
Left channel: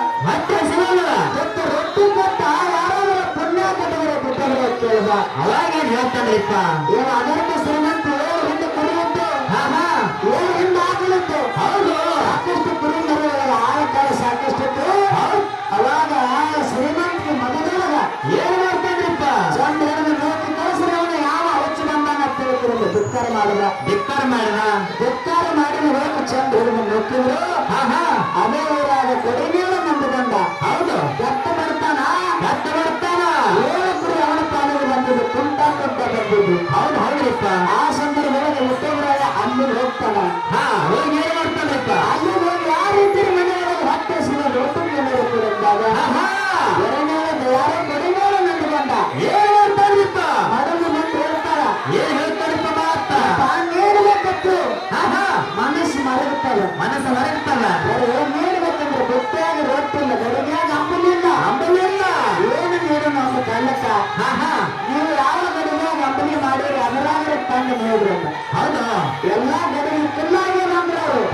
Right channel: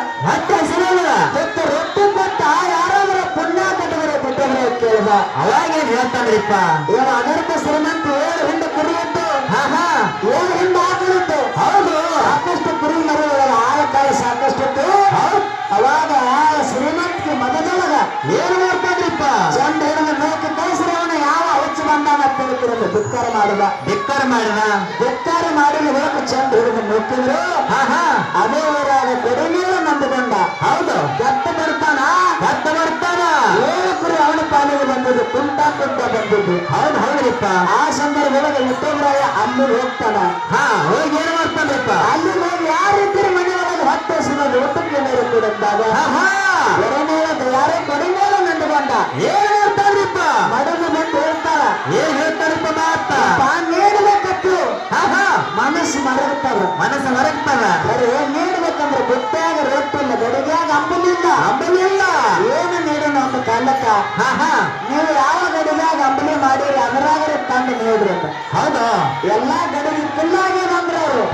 ಮತ್ತು ರೊಟ್ಟಿ ಕೊಟ್ಟ ಯಾರಾದ್ರೂ ಪುಣ್ಯ ಕೊಟ್ಟಿದ್ರೆ ಕೊಟ್ಟಿದ್ರೆ ಅಂತ ಕೇಳಿದ. ಅವಾಗೇನ್ ಹೇಳ್ತಾನ್ರಿಪ್ಪ. ಇವ ಅಗರ್ಭ ಶ್ರೀಮಂತ 7 ಹಿಂಡು ಕುರಿಯಿತ್ತು, 7 ಹಿಂಡು ಆಕಳಿತ್ತು. ಹೌದು. ಸಾಕಷ್ಟು ಕುರಿ ಮರಿಗಳು ಆಳಕಾಯಿ ಸಾಕಷ್ಟಿತ್ತು. ಅವಾಗ ಶ್ರೀಮಂತಿಗೆ ಮಗದೊಳಗ ಏನ್ ಮಾಡ್ತಾನ್ರಿಪ್ಪ. ಚಂದ ಹೆಣ್ಣು ನೋಕೆ ಕಳಿಸಿದ ಅವನ ಯಾವ ಹುಚ್ಚು ಬಂದಾನ ತಿಳ್ಕೊಂಡು ಧಿಕ್ಕಾರ ಮಾಡಿದ. ಧಿಕ್ಕಾರ ಮಾಡಿದ ಹೋಗ ಚಂದ ಹಿಡಿದು ನೋಕಿದ್ರು. ಅದೇ ಊರಾಗ ಕೊಡಿಮೇಲೆ ನಂಬಿಕೊಂಡ. ಹೌದು. ಕೆತ್ತ ಬರ್ತಾನ. 7 ಕುರಿ ಅವನ ಪಾಲಿಗೆ ಬಂದಿದ್ದು, ಕುಂಟ ಬಂದಿದ್ದು. ಹೌದ್ರಿಪ್ಪ. ಆ ಸಂದರ್ಭದೊಳಗೆ ಹುಟ್ಟೇಂದ್ರಾಯ ಅಲ್ಲಿಗೆ ಹೋಗ್ತಾನ. ಹೋಗಿ ಏನ್ ಮಾಡ್ತಾನ್ರಿಪ್ಪ. ಅಲ್ಲಿ ಹೋಗಿ ಯಾರಿದ್ದೀರಿ ಮನೆಯೊಳಗೆ ಹೊಟ್ಟೆ ಸಿಗೋದು ಊಟಕ್ಕೆ ನೀರು ಕೊಡುತ್ತಾಗ ಯಾರೋ ಕಡಿಮೇಲೆ ನಂದುಕೊಂಡ. ಏನ್ ಮಾಡ್ತಾನ್ರಿಪ್ಪ. ಮಡಲು ನಿಂತು ಹೇಳ್ತಾರ, ಏನ್ ಹೇಳ್ತಾರಿಪ್ಪ ಮಾತ. ನೀಡಬೇಕತ್ತು ಮನಸ್ಸು ಮರಗುತ್ತದ. ಬರೀ ನೀಡಬೇಕಂದ್ರೆ ಗೊತ್ತಾಗ ರೊಟ್ಟಿ ಇಲ್ಲ, ಗಡಿಗ್ಯಾಗ ಅಂಬಲಿಲ್ಲ. ಏನು ನೀಡು ನಮ್ಮ ಕಾಲಕ್ಕ. ನೀವು ಯಾವ ಗಡಿಗ್ಯಾಗ ಅಂಬಲಿ ಮಾಡಿರಿ ಅದರಾಗರೆ ತಂದು ನೋಡ್ರಿ ಅಂತ. ಹೌದಾ. ಎಲ್ಲಾ ಗಡಿಗೆ ಫುಲ್ಲಾಗಿ ಬಂದ್ರ ಅವರು.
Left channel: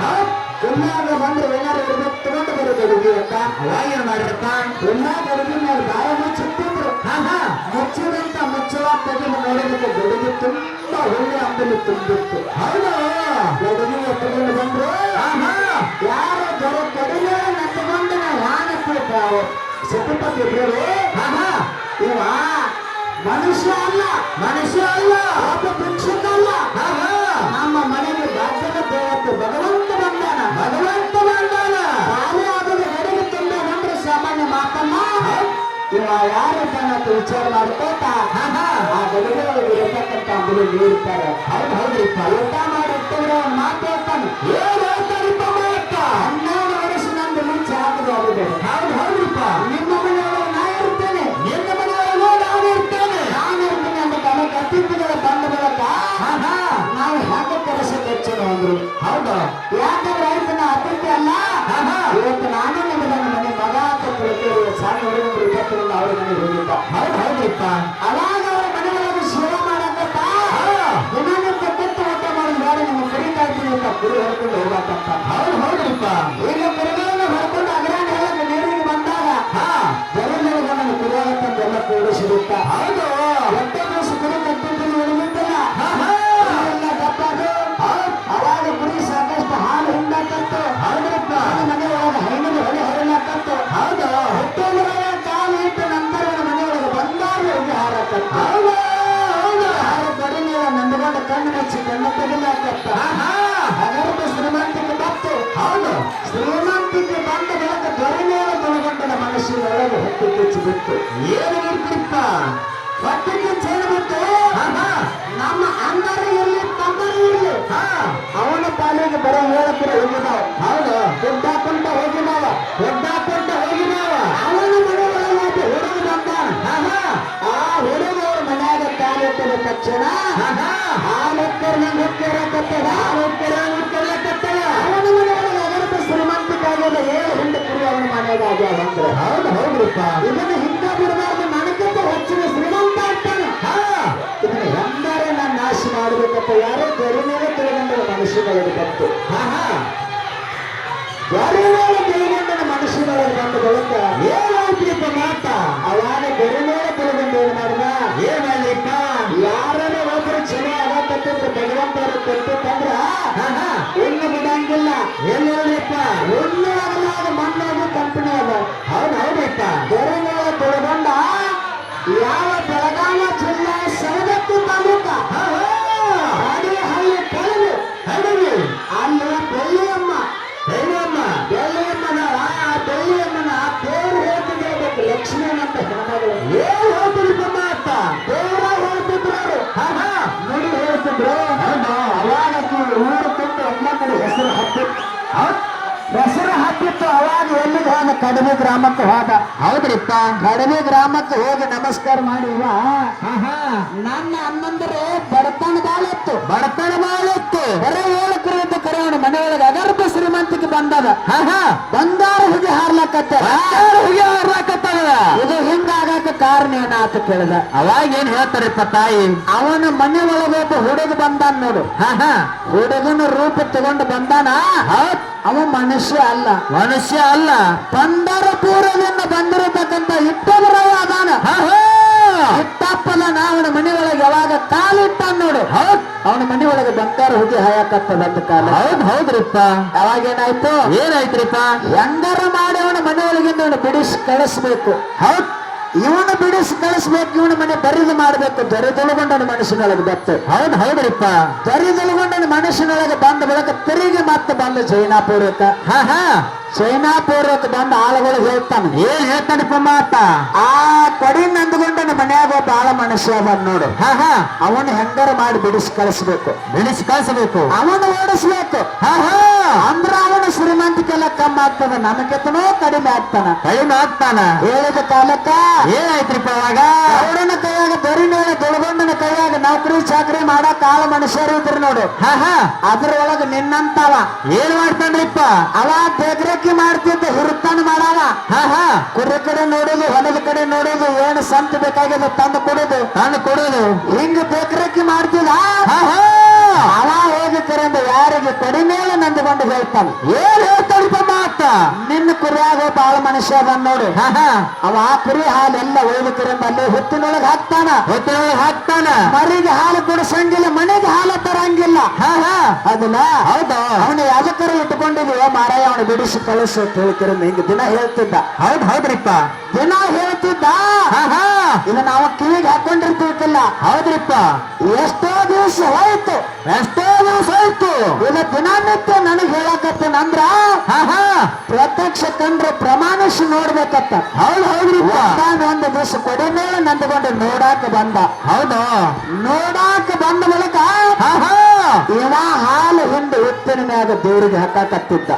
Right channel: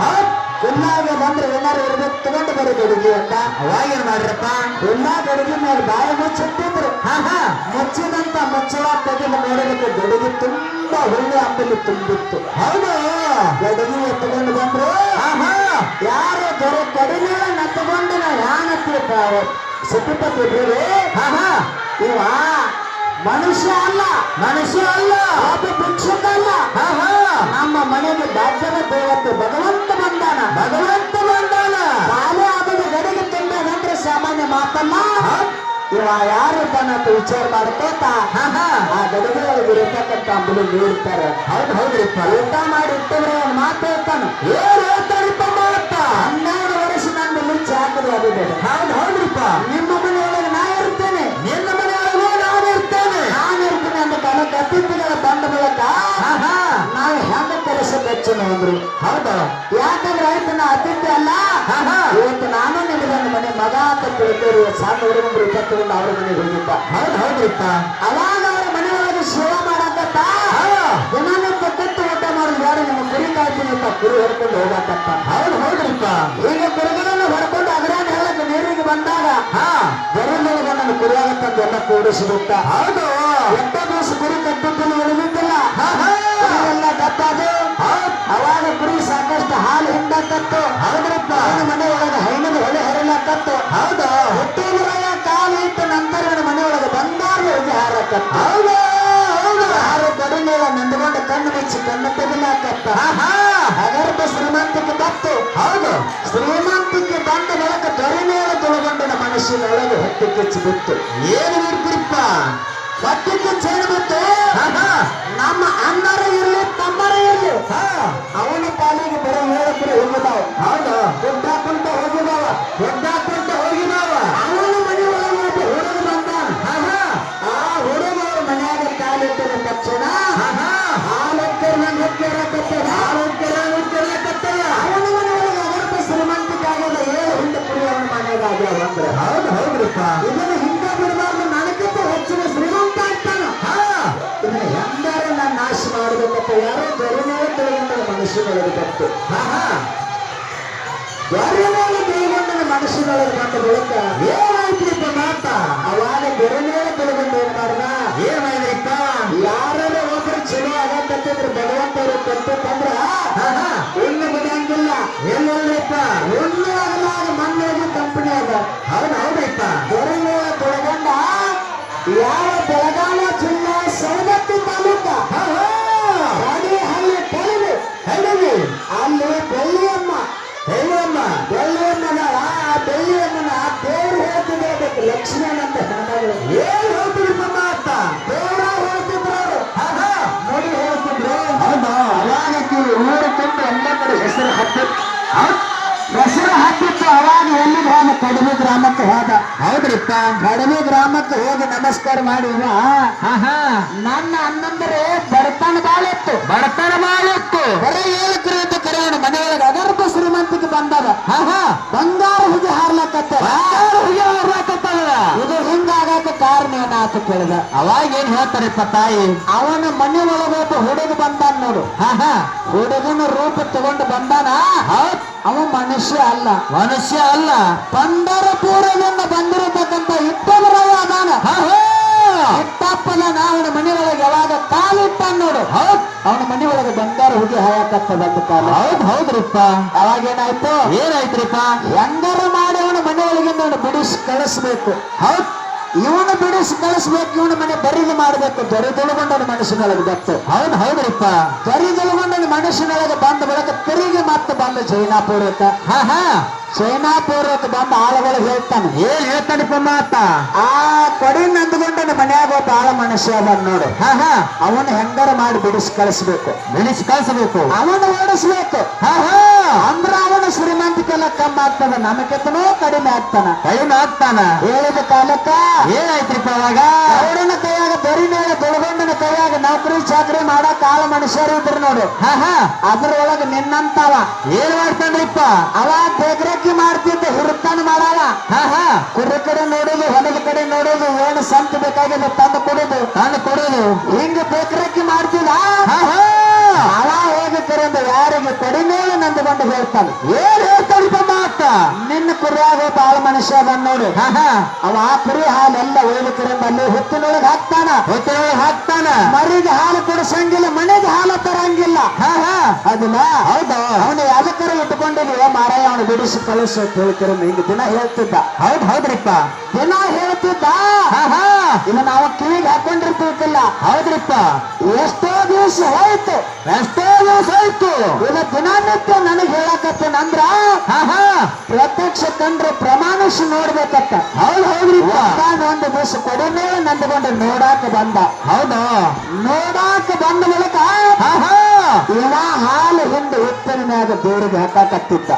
ಫುಲ್ಲಾಗಿ ಬಂದ್ರೆ ಏನಾರು ಇರ್ಬೇಕು ತಗೊಂಡು ಬರೋ ಗಡಿಗೆ ಅಂತ. ಅವಾಗೇನ್ ಮಾಡ್ರಪ್ಪ. ಎಲ್ಲಾ ಗಡಿಗೆ ಮೇಲೆ ಬಾಯಿ ಮುಚ್ಚಿಟ್ಟಿದ್ರು. ಮುಚ್ಚಿದಂತ ಮುಚ್ಚಳ ತೆಗೆದು ನೋಡೋದಕ್ಕೆ ಗಡಿಗೆ ತುಂಬಾ ಒಳ್ಳೆ ಅಂಬಲಿ ತುಂಬಿತ್ತು. ಹೌದು. ಗಡಿಗೆ ಎತ್ತುಕೊಂಡು ಬಂದ್ರು. ಯಾರು ದೊರೆ ಕಡಿಮೆ ನತ್ತುಕೊಂಡು ನಾ ಯಾನತ್ತಿರ್ತಾರೆ ಸತಿಪತಿ ಇದ್ರು. ಇವ ಮನುಷ್ಯ ಅಲ್ಲ, ಒಬ್ಬ ಭಿಕ್ಷುಕ ಅಲ್ಲ. ನಮ್ಮ ಮನೆಗೆ ಭಾಗ್ಯದ ದೇವತೆ ಭಗವಂತ ಬಂದಾನ. ಬಾಲ್ಯ ಆದ ಗಡಿಗೆ ತುಂಬ ಬಂದ್ರೆ ಸಾಮಾನ್ಯ ಮಾತಲ್ಲ. ಇವ ಯಾರು ಅಂತ ವಿಚಾರ ಮಾಡ್ಕೋತ ಆ ಗಡಿಗೆ ಇರತಕ್ಕಂಥ ಅಂಬಲಿ ನೀಡ್ತಾರೆ. ಹೌದ್ರಿಪ್ಪ. ಊಟ ಮಾಡಿ ಇಟ್ಟಿದ್ರೆ ಅವ್ನು ಮಾತು ಹೇಳ್ತಾನೆ. ಏನ್ ಹೇಳ್ತಾರಿಪ್ಪ ಮಾತ. 12 ವರ್ಷ ನಂದು ಮಿಂಚು ಹಾಕಿದೆ. ಹೌದ್ರಿಪ್ಪ. ನಿಮ್ಮ ಮನೆಯೊಳಗೆ ನಾ ಇರ್ತೇನೆ, ನಿನ್ನ ಮನೆಯೊಳಗೆ ನಾನು ಇರ್ತೇನೆ ಅಂತ ತನ್ನ ಕತ್ತಿಪ್ಪಗಳ ತಂಡ ಬಳಕ ನಾವು ಹೆಂಗ ಕೆಲಸ ಹೆಚ್ಚು ಅಂದ್ರು. ಹೌದಾ. ಯಾಕಂದ್ರೆ ಆಯ್ತು ನಾ ಅತಿಥಿ ಅಲ್ಲ, ಇವತ್ತು ನಾನೇ ನಿಮಗೆ ಮನೆ ಮಗ ಅಂತ ತಿಳ್ಕೊಳ್ಳಿ. ಸಣ್ಣ ಹುಡುಗರು ಇಪ್ಪತ್ತರಿಂದ ಅವ್ರ ಮನೆಗೆ ಹೋಗಿದ್ದ. ಹೌದ್ರಿಪ್ಪ. ಅವಾಗ ಅವ್ರ ಮನೆಯೊಳಗೆ ಸೇವೆ ಮಾಡಕತ್ತ ದಿನನಿತ್ಯ ಕೆತ್ತ ಊಟ ಮಾಡಿ ಬೇಡ ನಿಮ್ಮ ಕುರಿ ಕಾಯ್ತೀನಿ ಅಂತ ಕುರಿ ಹೊಡ್ಕೊಂಡು ಹೋಗಕತ್ತ. ಹೌದ್ರಿಪ್ಪ. ಈಗ ಕುರಿಗಳನ್ನು ಹೊಡ್ಕೊಂಡು ಅಗ್ರಾನ ಹೇಳಕ್ಕೆ ನೀರಿಗೆ ಬಂದಾಗ ಗರಿಮೇಲೆ ನನ್ನ ಕುರಿಯಾಗತ್ತಂದು ಎಲ್ಲ ಕೂಡಿಸಿರುತ್ತ. ಹೌದು. ಎಂಟ ದಿವಸ ಕುರಿ ಕಟ್ಟಿದ್ದು ಉಳಿದಿದ್ದಿಲ್ಲ. ಎಲ್ಲ ಗತ್ತಾದು. ಅವಾಗ ಕುರಿ ಸಾಕಷ್ಟು ಹಾಲು ಹಿಂಡಕತ್ತು. ಮನಸ್ಸಿನೊಳಗೆ ಹೊತ್ತು ಕಿಚ್ಚು ಬಿತ್ತು. ಏನು ಬಿಡ್ತಿಪ್ಪ ಹೊತ್ತು ಕಿಚ್ಚು ಹೇಳ್ಬಿಟ್ಟು ನಮ್ಮ ಅಣ್ಣರು ಇರಲಿ ತಮ್ಮರು ಇರಲಿ ಅವನ ಪಾಲಿಗೆ ಬರೀ ಹೇಳಕ್ಕಿರ ಹೋಗಿದಾವ. ಹೌದು ಕೊಂಡ ಹೋಗಿದಾವ. ಹೋಗಿದಾವ ಅವನ ಮನೆ ಒಳಗೆ ಹುಡುಗ ಬಂದಾನ. ಆ ಹುಡುಗವ್ರ ಮನ್ಯಾಗ ಕಾಲಿಟ್ಟದ ತಕ್ಷಣ ಹಾಲಕ್ಕರ್ ನಂಗೆ ಹೊಕ್ಕಿರಕತ್ತದ. ಅವನ ಮನೆ ಒಳಗೆ ಅಗರ್ಭ ಶ್ರೀಮಂತಿಕ ಆಗದ 7 ಹುಂಡ ಕುರಿಯವನ ಮನೆಯಾಗ ಆಗ್ಯಾವ ಅಂದ್ರೆ ಹೌದ್ರಿಪ್ಪ ಇದನ್ನ ಹಿಂಗ ಬಿಡಬಾರ್ದು. ನನಗಿಂತ ಹೆಚ್ಚಿನ ಶ್ರೀಮಂತ ಆಗ್ತಾನ. ಇದನ್ನ ಹೆಂಗಾರೆ ನಾನು ನಾಶ ಮಾಡಬೇಕಪ್ಪ. ಯಾರೋ ಬೆರಿಮೇಲೆ ತೆಗೆಗೊಂಡ ಮನುಷ್ಯಗಳಿಗೆ ಬಂತು. ಬೆರಿಮೇಲೆ ತೆಗೆಗೊಂಡ ಮನುಷ್ಯಗಳಿಗೆ ಬಂದ ಬಳಿಕ ಏನಾಯ್ತ್ರಿಪ್ಪ ಮಾತ ಅವಾಗ ಬೆರಿಮೇಲೆ ತೆಗೆಗೊಂಡು ಏನ್ ಮಾಡಿದ? ಏನಾಯ್ತ್ರಿಪ್ಪ ಯಾರು ಒಬ್ರು ಚಲೋ ಆಗತ್ತಿದ್ರು ಭಗವಂತರು ಕೊಟ್ಟಂದ್ರ ಹುಲ್ಲು ಬಿಡಂಗಿಲ್ಲ. ಎಲ್ಲಪ್ಪ ಹುಲ್ಲು ಆಗಲಾಗ ಮಣ್ಣಾಗಿ ಕಂಪನಿ ಅದ. ಹೌದ್ರಿಪ್ಪ ಬೆರಿಮೇಲೆ ತೆಗೆಗೊಂಡ ಯಾವ ಬೆಳಗಾವ ಜಿಲ್ಲಾ ಸವದತ್ತಿ ತಾಲೂಕ ಹಳ್ಳಿ ಕಳೆದು ಹೇಳಿ ಅಲ್ಲಿ ಬೆಳ್ಳಿಯಮ್ಮ ಹೇಳಮ್ಮ ಬೆಳ್ಳಿಯಮ್ಮನ ಆ ಬೆಳ್ಳಿಯಮ್ಮನ ದೇವ್ರು ಹೇಳ್ತಿದ್ರು. ಅದಕ್ಕೆ ಲಕ್ಷ್ಮಣ ಅಂತ ಹೆಣ್ಮಗಳು. ಏನ್ ಹೇಳ್ತೀರಿಪ್ಪ ಮಾತ ದೇವ್ರ ಹೇಳ್ತಿದ್ರು ಅವರು. ಹೇಗೆ ಹೇಳ್ತಿದ್ರು? ಹೌದಾ ಅವಾಗಕ್ಕೆ ಊರು ತುಂಬ ಎಲ್ಲ ಕಡೆ ಹೆಸರು ಹತ್ತಿತ್ತು. ಅವಾಗ ಎಲ್ಲಿಗೆ ಹೋದ? ಕಡಿಮೆ ಗ್ರಾಮಕ್ಕೆ ಹೋದ. ಹೌದ್ರಿಪ್ಪ ಕಡಿಮೆ ಗ್ರಾಮಕ್ಕೆ ಹೋಗಿ ನಮಸ್ಕಾರ ಮಾಡಿ ನನ್ನ ಅಣ್ಣಂದರೆ ಬಡತನ ಬಾಳಿತ್ತು. ಬಡತನ ಮಾಡಿತ್ತು ಬರೀ ಏಲಕ್ಕರೆ ಅಂತ ಕರೆಯೋಣ. ಮನೆಯೊಳಗೆ ಅಗರ್ಭ ಶ್ರೀಮಂತಿಗೆ ಬಂದಾಗ ಬಂಗಾರ ಹುಗಿ ಹಾರ್ಲಕತ್ತ. ಇದು ಹಿಂಗಾಗಕ್ಕೆ ಕಾರಣ ಏನಾತ ಕೇಳಿದ. ಅವಾಗ ಏನ್ ಹೇಳ್ತಾರಿಪ್ಪ ತಾಯಿ ಅವನ ಮನೆ ಒಳಗೆ ಒಬ್ಬ ಹುಡುಗ ಬಂದಾನ ನೋಡು. ಹುಡುಗನ ರೂಪ ತಗೊಂಡು ಬಂದಾನ. ಅವ ಮನುಷ್ಯ ಅಲ್ಲ. ಮನುಷ್ಯ ಅಲ್ಲ ಪಂಡರಪುರದಿಂದ ಬಂದಿರತಕ್ಕಂತ ಇಟ್ಟಬರಾಯ ಅದಾನ. ಇಟ್ಟಪ್ಪನ ಅವನ ಮನೆ ಒಳಗೆ ಯಾವಾಗ ಕಾಲಿಟ್ಟ ನೋಡು. ಅವನ ಮನೆ ಒಳಗೆ ಬಂಗಾರ ಹುಗಿ ಹಾಯಕತ್ತದ ಅಂತ ಕಾಲ. ಹೌದ್ರಿಪ್ಪ ಅವಾಗ ಏನಾಯ್ತು? ಏನಾಯ್ತ್ರಿಪ್ಪ ಹೆಂಗಾರು ಮಾಡಿ ಅವನ ಮನೆ ಒಳಗಿಂದ ಅವನು ಬಿಡಿಸಿ ಕಳಿಸ್ಬೇಕು. ಇವನು ಬಿಡಿಸಿ ಕಳಿಸ್ಬೇಕು. ಇವನ ಮನೆ ಬರಿದು ಮಾಡಬೇಕು. ದೊರೆದೊಳಗೊಂಡನ ಮನುಷ್ಯನೊಳಗೆ ಬತ್ತು. ಹೌದ್ರಿಪ್ಪ ದೊರೆದೊಳಗೊಂಡನ ಮನುಷ್ಯನೊಳಗೆ ಬಂದ ಬಳಿಕ ತಿರುಗಿ ಮತ್ತೆ ಬಂದ ಚೈನಾಪುರಕ್ಕೆ. ಚೈನಾಪುರಕ್ಕೆ ಬಂದ ಆಳುಗಳಿಗೆ ಹೇಳ್ತಾನೆ. ಏನ್ ಹೇಳ್ತಾರಿಪ್ಪ ಮಾತ ಆ ಕಡಿ ನಂದುಗೊಂಡನ ಮನೆಯಾಗ ಒಬ್ಬ ಆಳ ಮನುಷ್ಯ ಬಂದ್ ನೋಡು. ಅವನು ಹೆಂಗಾರು ಮಾಡಿ ಬಿಡಿಸಿ ಕಳಿಸ್ಬೇಕು. ಬೆಳೆಸಿ ಕಳಿಸಬೇಕು ಅವನು ಓಡಿಸ್ಬೇಕು. ಅಂದ್ರ ಅವನು ಶ್ರೀಮಂತಿಕೆಲ್ಲ ಕಮ್ಮಿ ಆಗ್ತದ. ನಮಗೆತ್ತನೋ ಕಡಿಮೆ ಆಗ್ತಾನ. ಕೈನ ಆಗ್ತಾನ ಹೇಳಿದ ಕಾಲಕ್ಕ ಏನಾಯ್ತ್ರಿಪ್ಪ ಅವಾಗ ಅವರನ್ನ ಕೈಯಾಗ ಬರಿ ಮೇಲೆ ತೊಳಗೊಂಡನ ಕೈಯಾಗ ನೌಕರಿ ಚಾಕರಿ ಮಾಡಕ್ ಆಳ ಮನುಷ್ಯರು ಇದ್ರು ನೋಡು. ಅದ್ರೊಳಗೆ ನಿನ್ನಂತವ ಏನ್ ಮಾಡ್ತಾನ್ರಿಪ್ಪ ಅವ ಬೇಕರಕ್ಕಿ ಮಾಡ್ತಿದ್ದ. ಹುರುತ್ತಾನ ಮಾಡವ. ಕುರಿ ಕಡೆ ನೋಡೋದು, ಹೊಲದ ಕಡೆ ನೋಡೋದು, ಏನು ಸಂತ ಬೇಕಾಗಿದೆ ತಂದು ಕೊಡೋದು. ಹಿಂಗ ಬೇಕರಕ್ಕಿ ಮಾಡ್ತಿದ್ದ. ಅವ ಹೋಗಿ ಕರೆಂದು ಯಾರಿಗೆ ಕಡಿಮೆ ನಂದುಕೊಂಡು ಹೇಳ್ತಾನೆ. ಏನ್ ಹೇಳ್ತಾರಿಪ್ಪ ಮಾತ ನಿನ್ನ ಕುರಿಯಾಗ ಒಬ್ಬ ಆಳ ಮನುಷ್ಯ ಬಂದ್ ನೋಡು. ಅವ ಆ ಕುರಿ ಹಾಲೆಲ್ಲ ಹೋಗಿ ಕರೆಂದು ಅಲ್ಲಿ ಹೊತ್ತಿನೊಳಗೆ ಹಾಕ್ತಾನ. ಹಾಕ್ತಾನ ಮರಿಗೆ ಹಾಲು ಕುಡಿಸಂಗಿಲ್ಲ, ಮನೆಗೆ ಹಾಲು ತರಂಗಿಲ್ಲ. ಅದನ್ನ ಹೌದಾ ಅವನು ಯಾವ್ದಕ್ಕರ ಇಟ್ಕೊಂಡಿದ್ವಿ ಮಾರಾಯ ಅವನು ಬಿಡಿಸಿ ಕಳಿಸು ಅಂತ ಹೇಳ್ತಾರೆ. ಹಿಂಗ ದಿನ ಹೇಳ್ತಿದ್ದ. ಹೌದ್ರಿಪ್ಪ ದಿನ ಹೇಳ್ತಿದ್ದ. ಇನ್ನು ನಾವು ಕಿವಿಗೆ ಹಾಕೊಂಡಿರ್ತಿರ್ತಿಲ್ಲ. ಹೌದ್ರಿಪ್ಪ ಎಷ್ಟೋ ದಿವಸ ಹೋಯ್ತು. ಇನ್ನು ದಿನನಿತ್ಯ ನನಗೆ ಹೇಳಕತ್ತೇನಂದ್ರ ಪ್ರತ್ಯಕ್ಷ ಕಂಡ್ರೆ ಪ್ರಮಾಣಿಸಿ ನೋಡ್ಬೇಕತ್ತ. ಹೌದ್ರಿಪ್ಪ ಒಂದು ದಿವಸ ಕಡಿಮೆ ನಂದುಕೊಂಡು ನೋಡಾಕ ಬಂದ. ಹೌದಾ ನೋಡಾಕ ಬಂದ ಬಳಿಕ ಇವ ಹಾಲು ಹಿಂದೆ ಉಪ್ಪಿನ ಮ್ಯಾಗ ದೇವರಿಗೆ ಹಾಕಾಕತ್ತಿದ್ದ.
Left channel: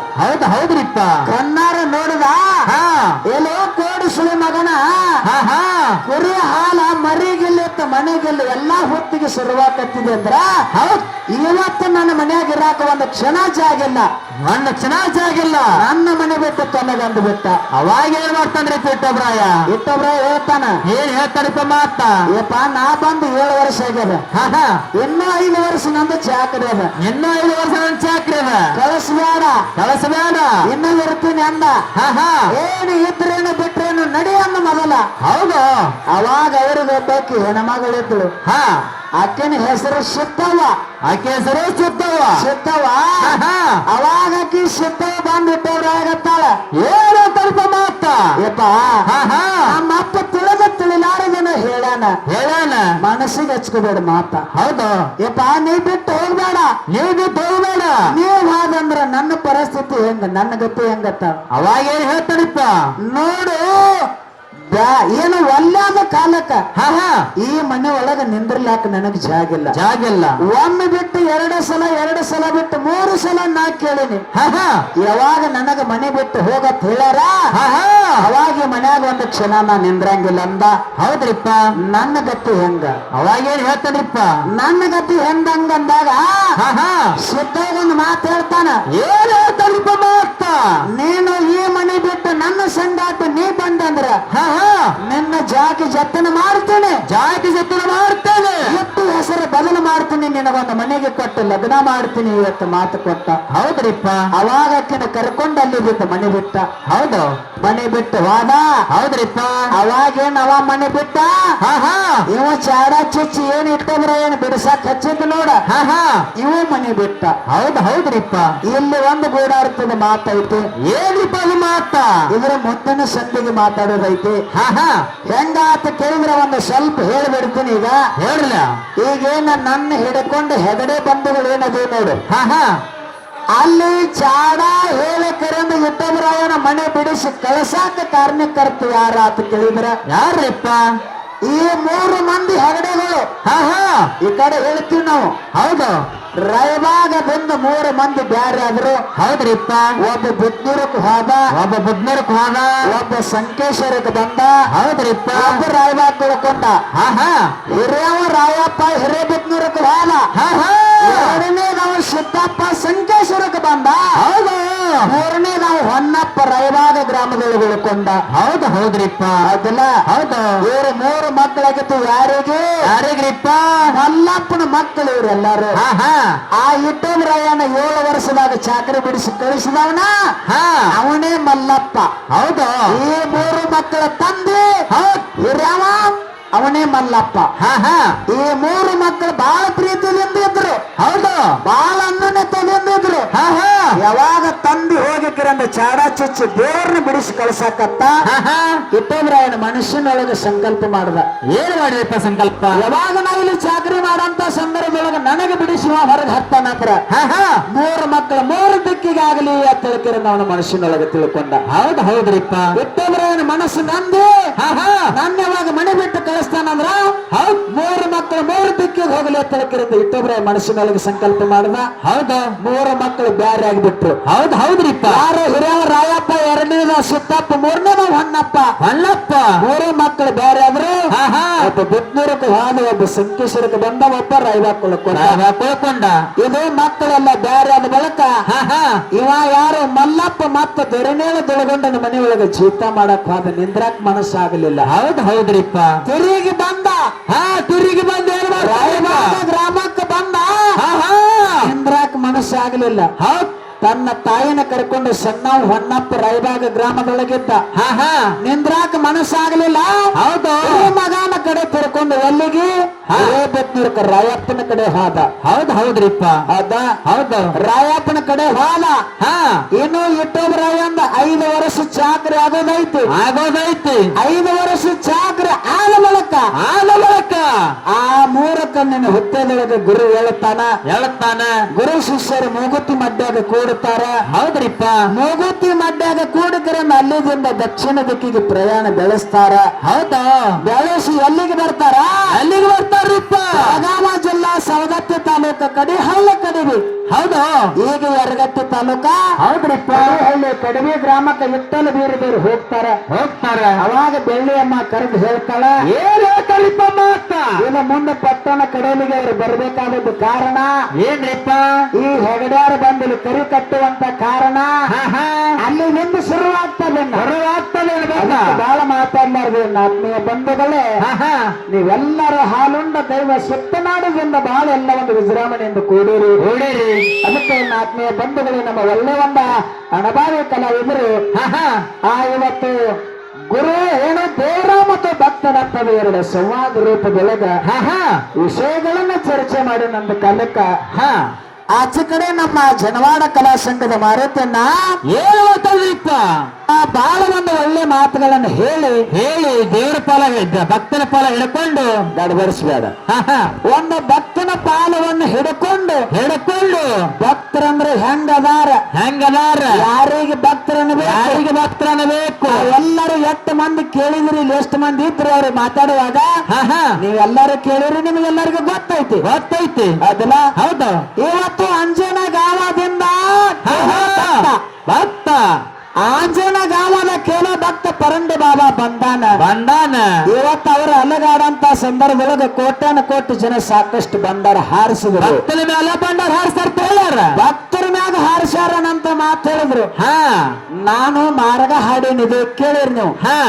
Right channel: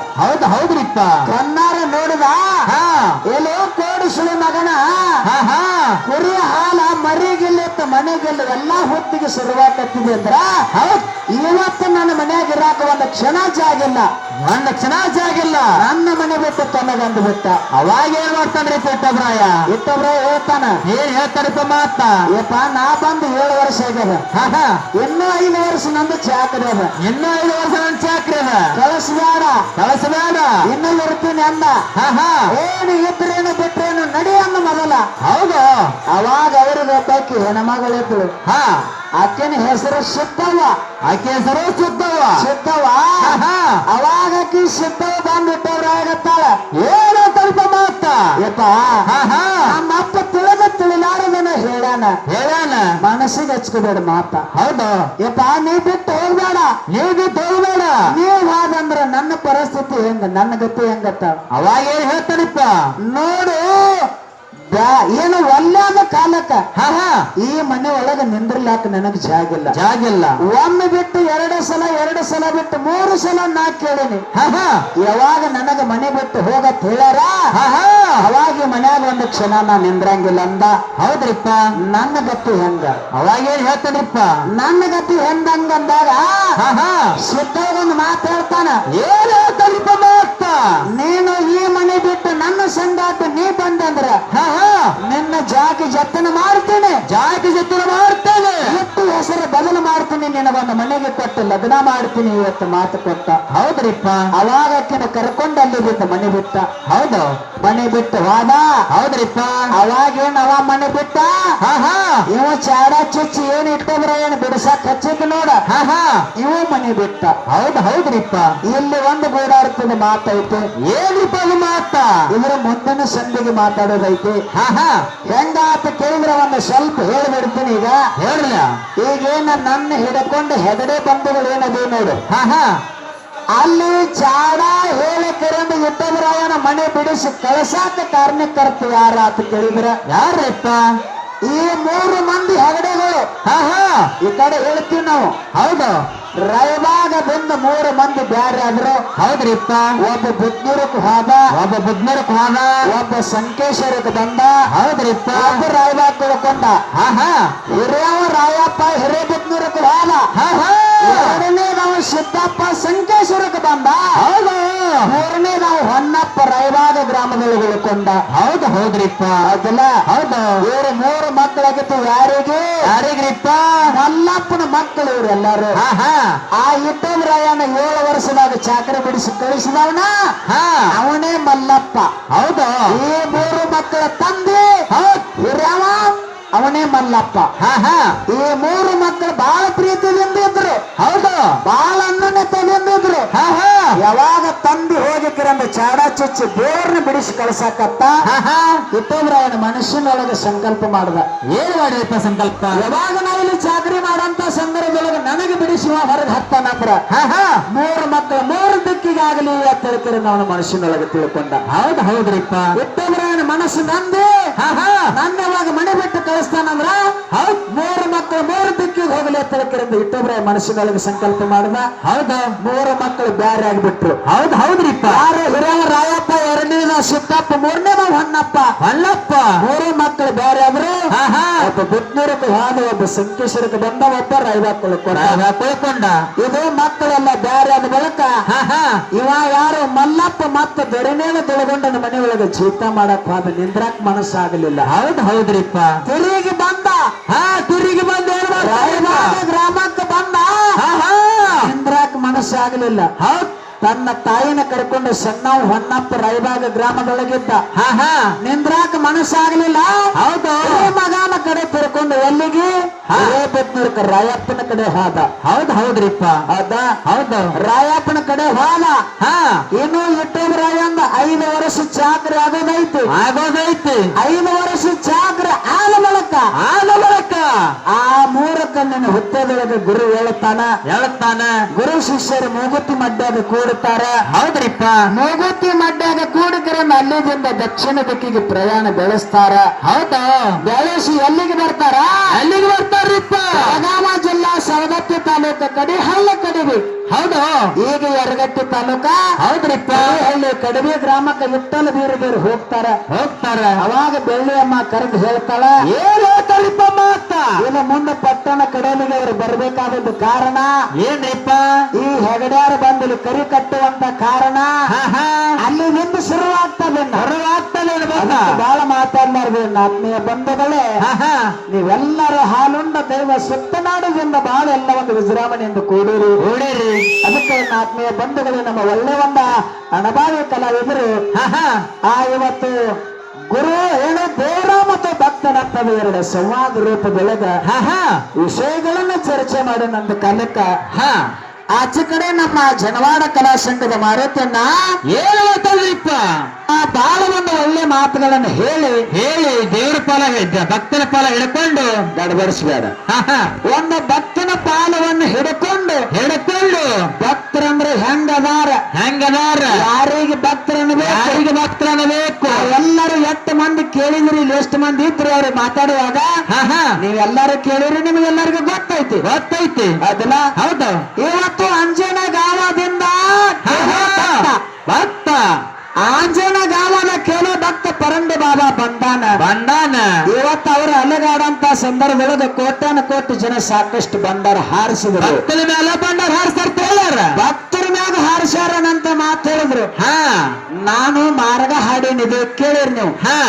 ಹೌದ್ರಿಪ್ಪ ಕಣ್ಣಾರ ನೋಡಿದ. ಎಲ್ಲೋ ಕೋಡಿಸುವ ಮಗನ ಕುರಿ ಹಾಲ ಮರಿಗಿಲ್ಲ ಮನೆಗಿಲ್ಲ ಎಲ್ಲಾ ಹೊತ್ತಿಗೆ ಶುರುವಾಕತ್ತಿದೆ ಅಂದ್ರ ಇವತ್ತು ನನ್ನ ಮನೆಯಾಗ ಇರಾಕ ಒಂದು ಕ್ಷಣ ಜಾಗಿಲ್ಲ. ನನ್ನ ಮನೆ ಬಿಟ್ಟು ತನ್ನಗಂದು ಬಿಟ್ಟ. ಅವಾಗ ಏನ್ ಮಾಡ್ತಾನ್ರಿ ಇಟ್ಟಬ್ರಾಯ ಇಟ್ಟೊಬ್ರು ಹೇಳ್ತಾನ. ಏನ್ ಹೇಳ್ತಾರಿಪ್ಪ ಮಾತ ಯಪ್ಪ ನಾ ಬಂದು 7 ವರ್ಷ ಆಗ್ಯದ. ಇನ್ನೂ 5 ವರ್ಷ ನಂದು ಚಾಕರಿ ಅದ. ಇನ್ನೂ 5 ವರ್ಷ ನನ್ ಚಾಕ್ರಿ ಅದ. ಕಳಿಸ್ಬೇಡ ಇನ್ನೂ ಇರ್ತೀನಿ ಅಂದ. ಏನು ಇದ್ರೇನು ಬಿಟ್ರೇನು ನಡಿ ಅಂದ ಮೊದಲ. ಹೌದು ಅವಾಗ ಅವ್ರಿಗೆ ಒಬ್ಬಾಕಿ ಹೆಣ್ಮಗಳಿದ್ರು. ಆಕೆನ ಹೆಸರು ಸಿದ್ದವ್ವ. ಆಕೆ ಹೆಸರು ಸಿದ್ದವ್ವ. ಅವಾಗಕಿ ಸಿದ್ದವ್ವ ಬಂದ್ಬಿಟ್ಟವ್ರಾಗತ್ತಾಳ. ಏನು ತಲ್ಪ ಮಾತ ಯಪ್ಪ ನಮ್ಮಪ್ಪ ತಿಳಿಲಾರದನ ಹೇಳಾನ. ಮನಸ್ಸಿಗೆ ಹಚ್ಕೋಬೇಡ ಮಾತ. ಹೌದು ಯಪ್ಪ ನೀ ಬಿಟ್ಟು ಹೋಗ್ಬೇಡ. ನೀವು ನೀವ್ ಹಾಗಂದ್ರ ನನ್ನ ಪರಿಸ್ಥಿತಿ ಹೆಂಗ? ನನ್ನ ಗತಿ ಹೆಂಗತ್ತ ಅವಾಗ ಏನ್ ಹೇಳ್ತಾನಪ್ಪ ನೋಡು ಏನು ಒಲ್ಲಾದ ಕಾಲಕ್ಕ ಹಾ ಹಾ ಈ ಮನೆ ಒಳಗ ನಿಂದ್ರಲಾಕ ನನಗ್ ಜಾಗಿಲ್ಲ ಜಾಗಿಲ್ಲ ಒಮ್ಮೆ ಬಿಟ್ಟು ಎರಡು ಸಲ ಬಿಟ್ಟು 3 ಸಲ ನಾ ಕೇಳಿನಿ ಹಾ ಹಾ ಯಾವಾಗ ನನಗ ಮನೆ ಬಿಟ್ಟು ಹೋಗತ್ ಹೇಳ್ಯಾರ ಹಾ ಹಾ ಅವಾಗ ಈ ಮನ್ಯಾಗ ಒಂದು ಕ್ಷಣ ನಾ ನಿಂದ್ರಂಗಿಲ್ಲ ಅಂದ ಹೌದ್ರಿಪ್ಪ ನನ್ನ ಗತಿ ಹೆಂಗ ಅವಾಗ ಏನ್ ಹೇಳ್ತಾನಿಪ್ಪ ನನ್ನ ಗತಿ ಹೆಂಗಂದಾಗ ಹಾ ಹಾ ಸಿದ್ಧಾಗೊಂದು ಮಾತು ಹೇಳ್ತಾನ ಏನ್ ಹೇಳ್ತಾನಿಪ್ಪ ಮಾತ ನೀನು ಈ ಮನೆ ಬಿಟ್ಟು ನನ್ನ ಸಂಗಾಟ ನೀ ಬಂದಂದ್ರ ಹಾ ಹಾ ನಿನ್ನ ಜಾತಿ ಜತನ ಮಾಡ್ತೇನೆ ಜಾತಿ ಜೊತೆ ಮಾಡ್ತೇನೆ ಇವತ್ತು ಹೆಸರು ಬದಲು ಮಾಡ್ತೀನಿ ನಿನಗೊಂದು ಮನೆಗೆ ಕೊಟ್ಟು ಲಗ್ನ ಮಾಡ್ತೀನಿ ಇವತ್ತು ಮಾತು ಕೊಟ್ಟ ಹೌದ್ರಿಪ್ಪ ಅವಾಗ ಆಕಿನ ಕರ್ಕೊಂಡು ಅಲ್ಲಿ ಬಿಟ್ಟು ಮನೆ ಬಿಟ್ಟ ಹೌದು ಮನೆ ಬಿಟ್ಟು ಹೋದ ಹೌದ್ರಿಪ್ಪ ಅವಾಗೇನ್ ಅವ ಮನೆ ಬಿಟ್ಟ ಹಾ ಹಾ ಇವ ಚಾಡ ಚುಚ್ಚಿ ಏನ್ ಇಟ್ಟಂದ್ರ ಏನ್ ಬಿಡಸಾಕ್ ಹಚ್ಚಿದ್ ನೋಡ ಹಾ ಹಾ ಇವ ಮನೆ ಬಿಟ್ಟ ಹೌದ್ರಿಪ್ಪ ಇಲ್ಲಿ ಒಂದು ಗೂಡಾರ್ತದ ಮಾತೈತೆ ಏನ್ರಿಪ್ಪ ಅದು ಮಾತ ಇದ್ರ ಮುಂದಿನ ಸಂದಿಗೆ ಮಾತಾಡೋದೈತೆ ಹಾ ಹಾ ಹೆಂಗಾತ ಕೇಳಿದ್ರೆ ಒಂದು ಸ್ವಲ್ಪ ಹೇಳ್ಬಿಡ್ತೀನಿ ಈಗ ಹೇಳ್ಲ ಈಗೇನ ನನ್ನ ಹಿಡ್ಕೊಂಡು ಹೆಗಡೆ ಬಂಧುಗಳು ಏನದು ನೋಡು ಹಾ ಹಾ ಅಲ್ಲಿ ಚಾಡ ಹೇಳಿ ಕರೆಂದು ಇಟ್ಟಂದ್ರ ಅವನ ಮನೆ ಬಿಡಿಸಿ ಕಳಸಾಕ ಕಾರಣಕರ್ತ ಯಾರ ಅಂತ ಕೇಳಿದ್ರ ಯಾರಪ್ಪ ಈ 3 ಮಂದಿ ಹೆಗಡೆಗಳು ಹಾ ಹಾ ಈ ಕಡೆ ಹೇಳ್ತೀವಿ ನಾವು ಹೌದು ರಾಯಬಾಗ ಬಂದು 3 ಮಂದಿ ಬ್ಯಾರೆ ಆದ್ರು ಹೌದ್ರಿಪ್ಪ ಒಬ್ಬ ಬುದ್ಧೂರಕ್ಕೆ ಹೋದ ಒಬ್ಬ ಬುದ್ಧನೂರಕ್ಕೆ ಹೋದ ಒಬ್ಬ ಸಂಕೇಶ್ವರಕ್ಕೆ ಬಂದ ಹೌದ್ರಿಪ್ಪ ಒಬ್ಬ ರಾಯಬಾಗ ತಿಳ್ಕೊಂಡ ಹಾ ಹಾ ಹಿರಿಯವ ರಾಯಪ್ಪ ಹಿರೇಬಿದ್ನೂರಕ್ಕೆ ಹೋದ ಹಾ ಹಾ ಎರಡನೇ ನಾವು ಸಿದ್ದಪ್ಪ ಸಂಕೇಶ್ವರಕ್ಕೆ ಬಂದ ಹೌದು 3ನೇ ನಾವು ಹೊನ್ನಪ್ಪ ರಾಯಬಾಗ ಗ್ರಾಮದಲ್ಲಿ ತಿಳ್ಕೊಂಡ ಹೌದ್ರಿಪ್ಪ ಅದಲ್ಲ ಹೌದು ಇವ್ರು 3 ಮಕ್ಕಳಾಗಿತ್ತು ಯಾರಿಗೆ ಯಾರಿಗ್ರಿಪ್ಪ ಮಲ್ಲಪ್ಪನ ಮಕ್ಕಳು ಇವ್ರೆಲ್ಲರೂ ಹಾ ಹಾ ಆ ಇಟ್ಟಂದ್ರಾಯನ 7 ವರ್ಷದಾಗ ಚಾಕರಿ ಬಿಡಿಸಿ ಕಳಿಸಿದವನ ಹಾ ಅವನೇ ಮಲ್ಲಪ್ಪ ಹೌದು ಈ 3 ಮಕ್ಕಳ ತಂದೆ ಹಿರಿಯವ ಅವನೇ ಮಲ್ಲಪ್ಪ ಹಾ ಹಾ ಈ 3 ಮಕ್ಕಳು ಬಹಳ ಪ್ರೀತಿಯಿಂದ ಇದ್ರು ಹೌದು ಬಹಳ ಅನ್ನನೆತದಿಂದ ಇದ್ರು ಹಾ ಹಾ ಯಾವಾಗ ತಂದೆ ಹೋಗಿಕ್ಕಿರಂದ ಚಾಡ ಚುಚ್ಚಿ ದೇವ್ರನ್ನ ಬಿಡಿಸಿ ಕಳ್ಸಕತ್ತ ಹಾ ಹಾ ಇಟ್ಟಂದ್ರಾಯನ ಮನುಷ್ಯನೊಳಗೆ ಸಂಕಲ್ಪ ಮಾಡ್ದ ಏನ್ ಮಾಡಿಯಪ್ಪ ಸಂಕಲ್ಪ ಯಾವಾಗ ನಾವಿಲ್ಲಿ ಚಾಕರಿ ಮಾಡಂತ ಸಂದರ್ಭದೊಳಗೆ ನನಗೆ ಬಿಡಿಸುವ ಹೊರಗೆ ಹತ್ತಾನಂದ್ರ ಹಾ ಹಾ 3 ಮಕ್ಕಳು 3 ದಿಕ್ಕಿಗಾಗಲಿ ಅಂತ ತಿಳ್ಕಿರ ಅವನ ಮನಸ್ಸಿನೊಳಗೆ ತಿಳ್ಕೊಂಡ ಹೌದ್ರಿಪ್ಪ ಇಟ್ಟಂದ್ರಾಯನ ಮನಸ್ಸು ನಂದೆ ಹಾ ಹಾ ನನ್ನ ಯಾವಾಗ ಮನೆ ಬಿಟ್ಟು ಕಳಿಸ್ತಾನಂದ್ರ ಹೌದ್ 3 ಮಕ್ಕಳು 3 ದಿಕ್ಕಿಗೆ ಹೋಗಲಿ ಅಂತ ತಿಳ್ಕಿರಿಂದ ಇಟ್ಟಂದ್ರಾಯ ಮನಸ್ಸಿನೊಳಗೆ ಸಂಕಲ್ಪ ಮಾಡ್ದ ಹೌದು 3 ಮಕ್ಕಳು ಬ್ಯಾರೆ ಆಗಿಬಿಟ್ರು ಹೌದ್ರಿಪ್ಪ ಯಾರು ಹಿರಿಯವ ರಾಯಪ್ಪ 2ನೇದ ಸಿದ್ದಪ್ಪ 3ನೇದ ಹೊನ್ನಪ್ಪ ಅಲ್ಲಪ್ಪ 3 ಮಕ್ಕಳು ಬ್ಯಾರೆ ಆದ್ರು ಹಾ ಹಾ ಒಬ್ಬ ಬುದ್ಧೂರಕ್ಕೆ ಹೋದ ಒಬ್ಬ ಸಂಕೇಶ್ವರಕ್ಕೆ ಬಂದ ಒಬ್ಬ ರಾಯಬಾಗ ತಿಳ್ಕೊಂಡ ಇದು ಮಕ್ಕಳೆಲ್ಲ ಬ್ಯಾರೆ ಆದ ಬಳಿಕ ಹಾ ಹಾ ಇವ ಯಾರು ಮಲ್ಲಪ್ಪ ಮತ್ತ ದೊರೆಮೇಲ ದೊಳಗೊಂಡನ ಮನೆಯೊಳಗೆ ಜೀತ ಮಾಡಕ್ ಹೋದ ನಿಂದ್ರಾಕ್ ಮನಸ್ಸಾಗಲಿಲ್ಲ ಹೌದ್ರಿಪ್ಪ ತಿರುಗಿ ಬಂದ ಹಾ ತಿರುಗಿ ಬಂದ ರಾಯಬಾಗ ಗ್ರಾಮಕ್ಕೆ ಬಂದ ಹಾ ಹಾ ನಿಂದ್ರಾಕ್ ಮನಸ್ಸಾಗಲಿಲ್ಲ ಹೌದ್ ತನ್ನ ತಾಯಿನ ಕರ್ಕೊಂಡು ಸಣ್ಣವ್ ಹೊನ್ನಪ್ಪ ರಾಯಬಾಗ ಗ್ರಾಮದೊಳಗಿದ್ದ ಹಾ ಹಾ ನಿಂದ್ರಾಕ ಮನಸ್ಸಾಗಲಿಲ್ಲ ಹೌದು ಮಗನ ಕಡೆ ತಿರ್ಕೊಂಡು ಎಲ್ಲಿಗೆ ಹಿರೇಬೆದ್ನೂರ್ಕ ರಾಯಪ್ಪನ ಕಡೆ ಹೋದ ಹೌದ್ರಿಪ್ಪ ಅದ ಹೌದು ರಾಯಪ್ಪನ ಕಡೆ ಹೋದ ಹಾ ಇನ್ನು ಇಟ್ಟೋಬ್ರಾಯ ಅಂದ 5 ವರ್ಷ ಚಾಕ್ರಿ ಆಗೋದೈತಿ 5 ವರ್ಷ ಚಾಕ್ರಿ ಆದ ಬಳಿಕ ಆ 3 ಕಣ್ಣಿನ ಹುತ್ತದೊಳಗೆ ಗುರು ಹೇಳುತ್ತಾನ ಗುರು ಶಿಷ್ಯರು ಮೂಗುತಿ ಮಡ್ಯಾಗ ಕೂಡುತ್ತಾರ ಹೌದ್ರಿಪ್ಪ ಮೂಗುತಿ ಮಡ್ಯಾಗ ಕೂಡಿಕರನ್ನ ಅಲ್ಲಿದಿಂದ ದಕ್ಷಿಣ ದಿಕ್ಕಿಗೆ ಪ್ರಯಾಣ ಬೆಳೆಸ್ತಾರ ಹೌದಾ ಬೆಳೆಸಿ ಎಲ್ಲಿಗೆ ಬರ್ತಾರ ಅಲ್ಲಿಗೆ ಬರ್ತಾರ್ರಿಪ್ಪ ಬೆಳಗಾವ ಜಿಲ್ಲಾ ಸವದತ್ತಿ ತಾಲೂಕ ಕಡಿಹಳ್ಳಿ ಕಡಿವಿ ಹೌದಾ ಈಗ ಯರಗಟ್ಟಿ ತಾಲೂಕ ಹೌದ್ರಿಪ್ಪ ಹಳ್ಳಿ ಕಡಿವಿ ಗ್ರಾಮಕ್ಕೆ ವಿಠ್ಠಲ ಬೇರೆ ಹೋಗ್ತಾರ ಅವಾಗ ಬೆಳ್ಳಿಯಮ್ಮ ಕರೆದು ಹೇಳ್ತಾಳ ಏನ್ ಹೇಳ್ತಾಳಿಪ್ಪ ಮಾತ ಇನ್ನು ಮುಂದೆ ಪಟ್ಟಣ ಕಡೆಯಲ್ಲಿಗೆ ಅವರು ಬರ್ಬೇಕಾದದ್ದು ಕಾರಣ ಏನ್ರಿಪ್ಪ ಈ ಹೆಗಡ್ಯಾರು ಬಂದು ಇಲ್ಲಿ ಕರಿ ಕಟ್ಟುವಂತ ಕಾರಣ ಹಾ ಹಾ ಅಲ್ಲಿ ನಿಂದು ಶುರುವಾಗ್ತದೆ ಬಹಳ ಮಾತಾಡ್ಲಾರ್ದು ಆತ್ಮೀಯ ಬಂಧುಗಳೇ ಹಾ ಹಾ ನೀವೆಲ್ಲರೂ ಹಾಲುಂಡ ದೈವ ಸುತ್ತನಾಡುವುದರಿಂದ ಬಹಳ ಎಲ್ಲ ಒಂದು ವಿಜೃಂಭಣೆಯಿಂದ ಕೂಡಿರಿ ಅದಕ್ಕೆ ನನ್ನ ಆತ್ಮೀಯ ಬಂಧುಗಳು ನಮ್ಮ ಒಳ್ಳೆ ಒಂದು ಅಣಬಾವಿ ಕಲಾವಿದರು ಹಾ ಹಾ ಆ ಇವತ್ತು ಗುರು ಏನು ದೇವರ ಮತ್ತು ಭಕ್ತನಂತದ 2 ಸಂವಾದ ರೂಪದೊಳಗ ಹಾ ಹಾ ವಿಷಯಗಳನ್ನ ಚರ್ಚೆ ಮಾಡಿ ನಮ್ದು ಕಾಲಕ್ಕ ಹಾ ಆಚೆ ಕಡೆ ನಮ್ಮ ಜನವಾಡ ಕಲಾ ಸಂಘದ ಮಾರುತಿಯನ್ನ ಏನ್ ಹೇಳ್ತಾಳ್ರಿಪ್ಪ ಬಹಳ ಒಂದು ಒಳ್ಳೆ ಮಾತುಗಳನ್ನು ಹೇಳಿ ದೇವ್ರ ಪಾಲ ಭಕ್ತರ ಪಾಲ ಹಿಡ್ಕೊಂಡು ಗಡಬಡಿಸಬೇಡ ಹಾ ಹಾ ಒಂದು ಭಕ್ತನ ಪಾಲವನ್ನು ಹಿಡ್ಕೊಂಡು ಹಿಡ್ಕೊಂಡು ಭಕ್ತರಂದ್ರೆ ಹೆಂಗದಾರ ಹೆಂಗದಾರ ಯಾರಿಗೆ ಭಕ್ತ ಮಾತಾಡುವಾಗ ಹಾ ಹಾ ನೀವೆಲ್ಲರೂ ಕೇಳಿರಿ, ನಿಮ್ಗೆಲ್ಲರಿಗೂ ಗೊತ್ತೈತಿ. ಗೊತ್ತೈತಿ. ಅದಲ್ಲ ಹೌದು. ಇವತ್ತು ಅಂಜನ ಗಾವದಿಂದ ಭಕ್ತ ಆಂಜನ ಗಾವದ ಕೇಳೋ ಭಕ್ತ ಪರಂಡ ಬಾಬಾ ಬಂದಾನ. ಇವತ್ತು ಅವರು ಅಲಗಾಡಂತ ಸಂದರ್ಭದೊಳಗೆ ಕೋಟ್ಯಾನ ಕೋಟಿ ಜನ ಸಾಕಷ್ಟು ಬಂಡಾರ ಹಾರಿಸಿದ್ರು. ಭಕ್ತರ ಮೇಲೆ ಬಂಡಾರ ಹಾರಿಸ್ತಾರ. ಭಕ್ತರ ಮ್ಯಾಗ ಹಾರಿಸ್ಯಾರನಂತ ಮಾತು ಹೇಳಿದ್ರು. ಹಾ ನಾನು ಮಾರ್ಗ ಹಾಡೇನಿದೆ ಕೇಳಿರಿ ನೀವು. ಹಾ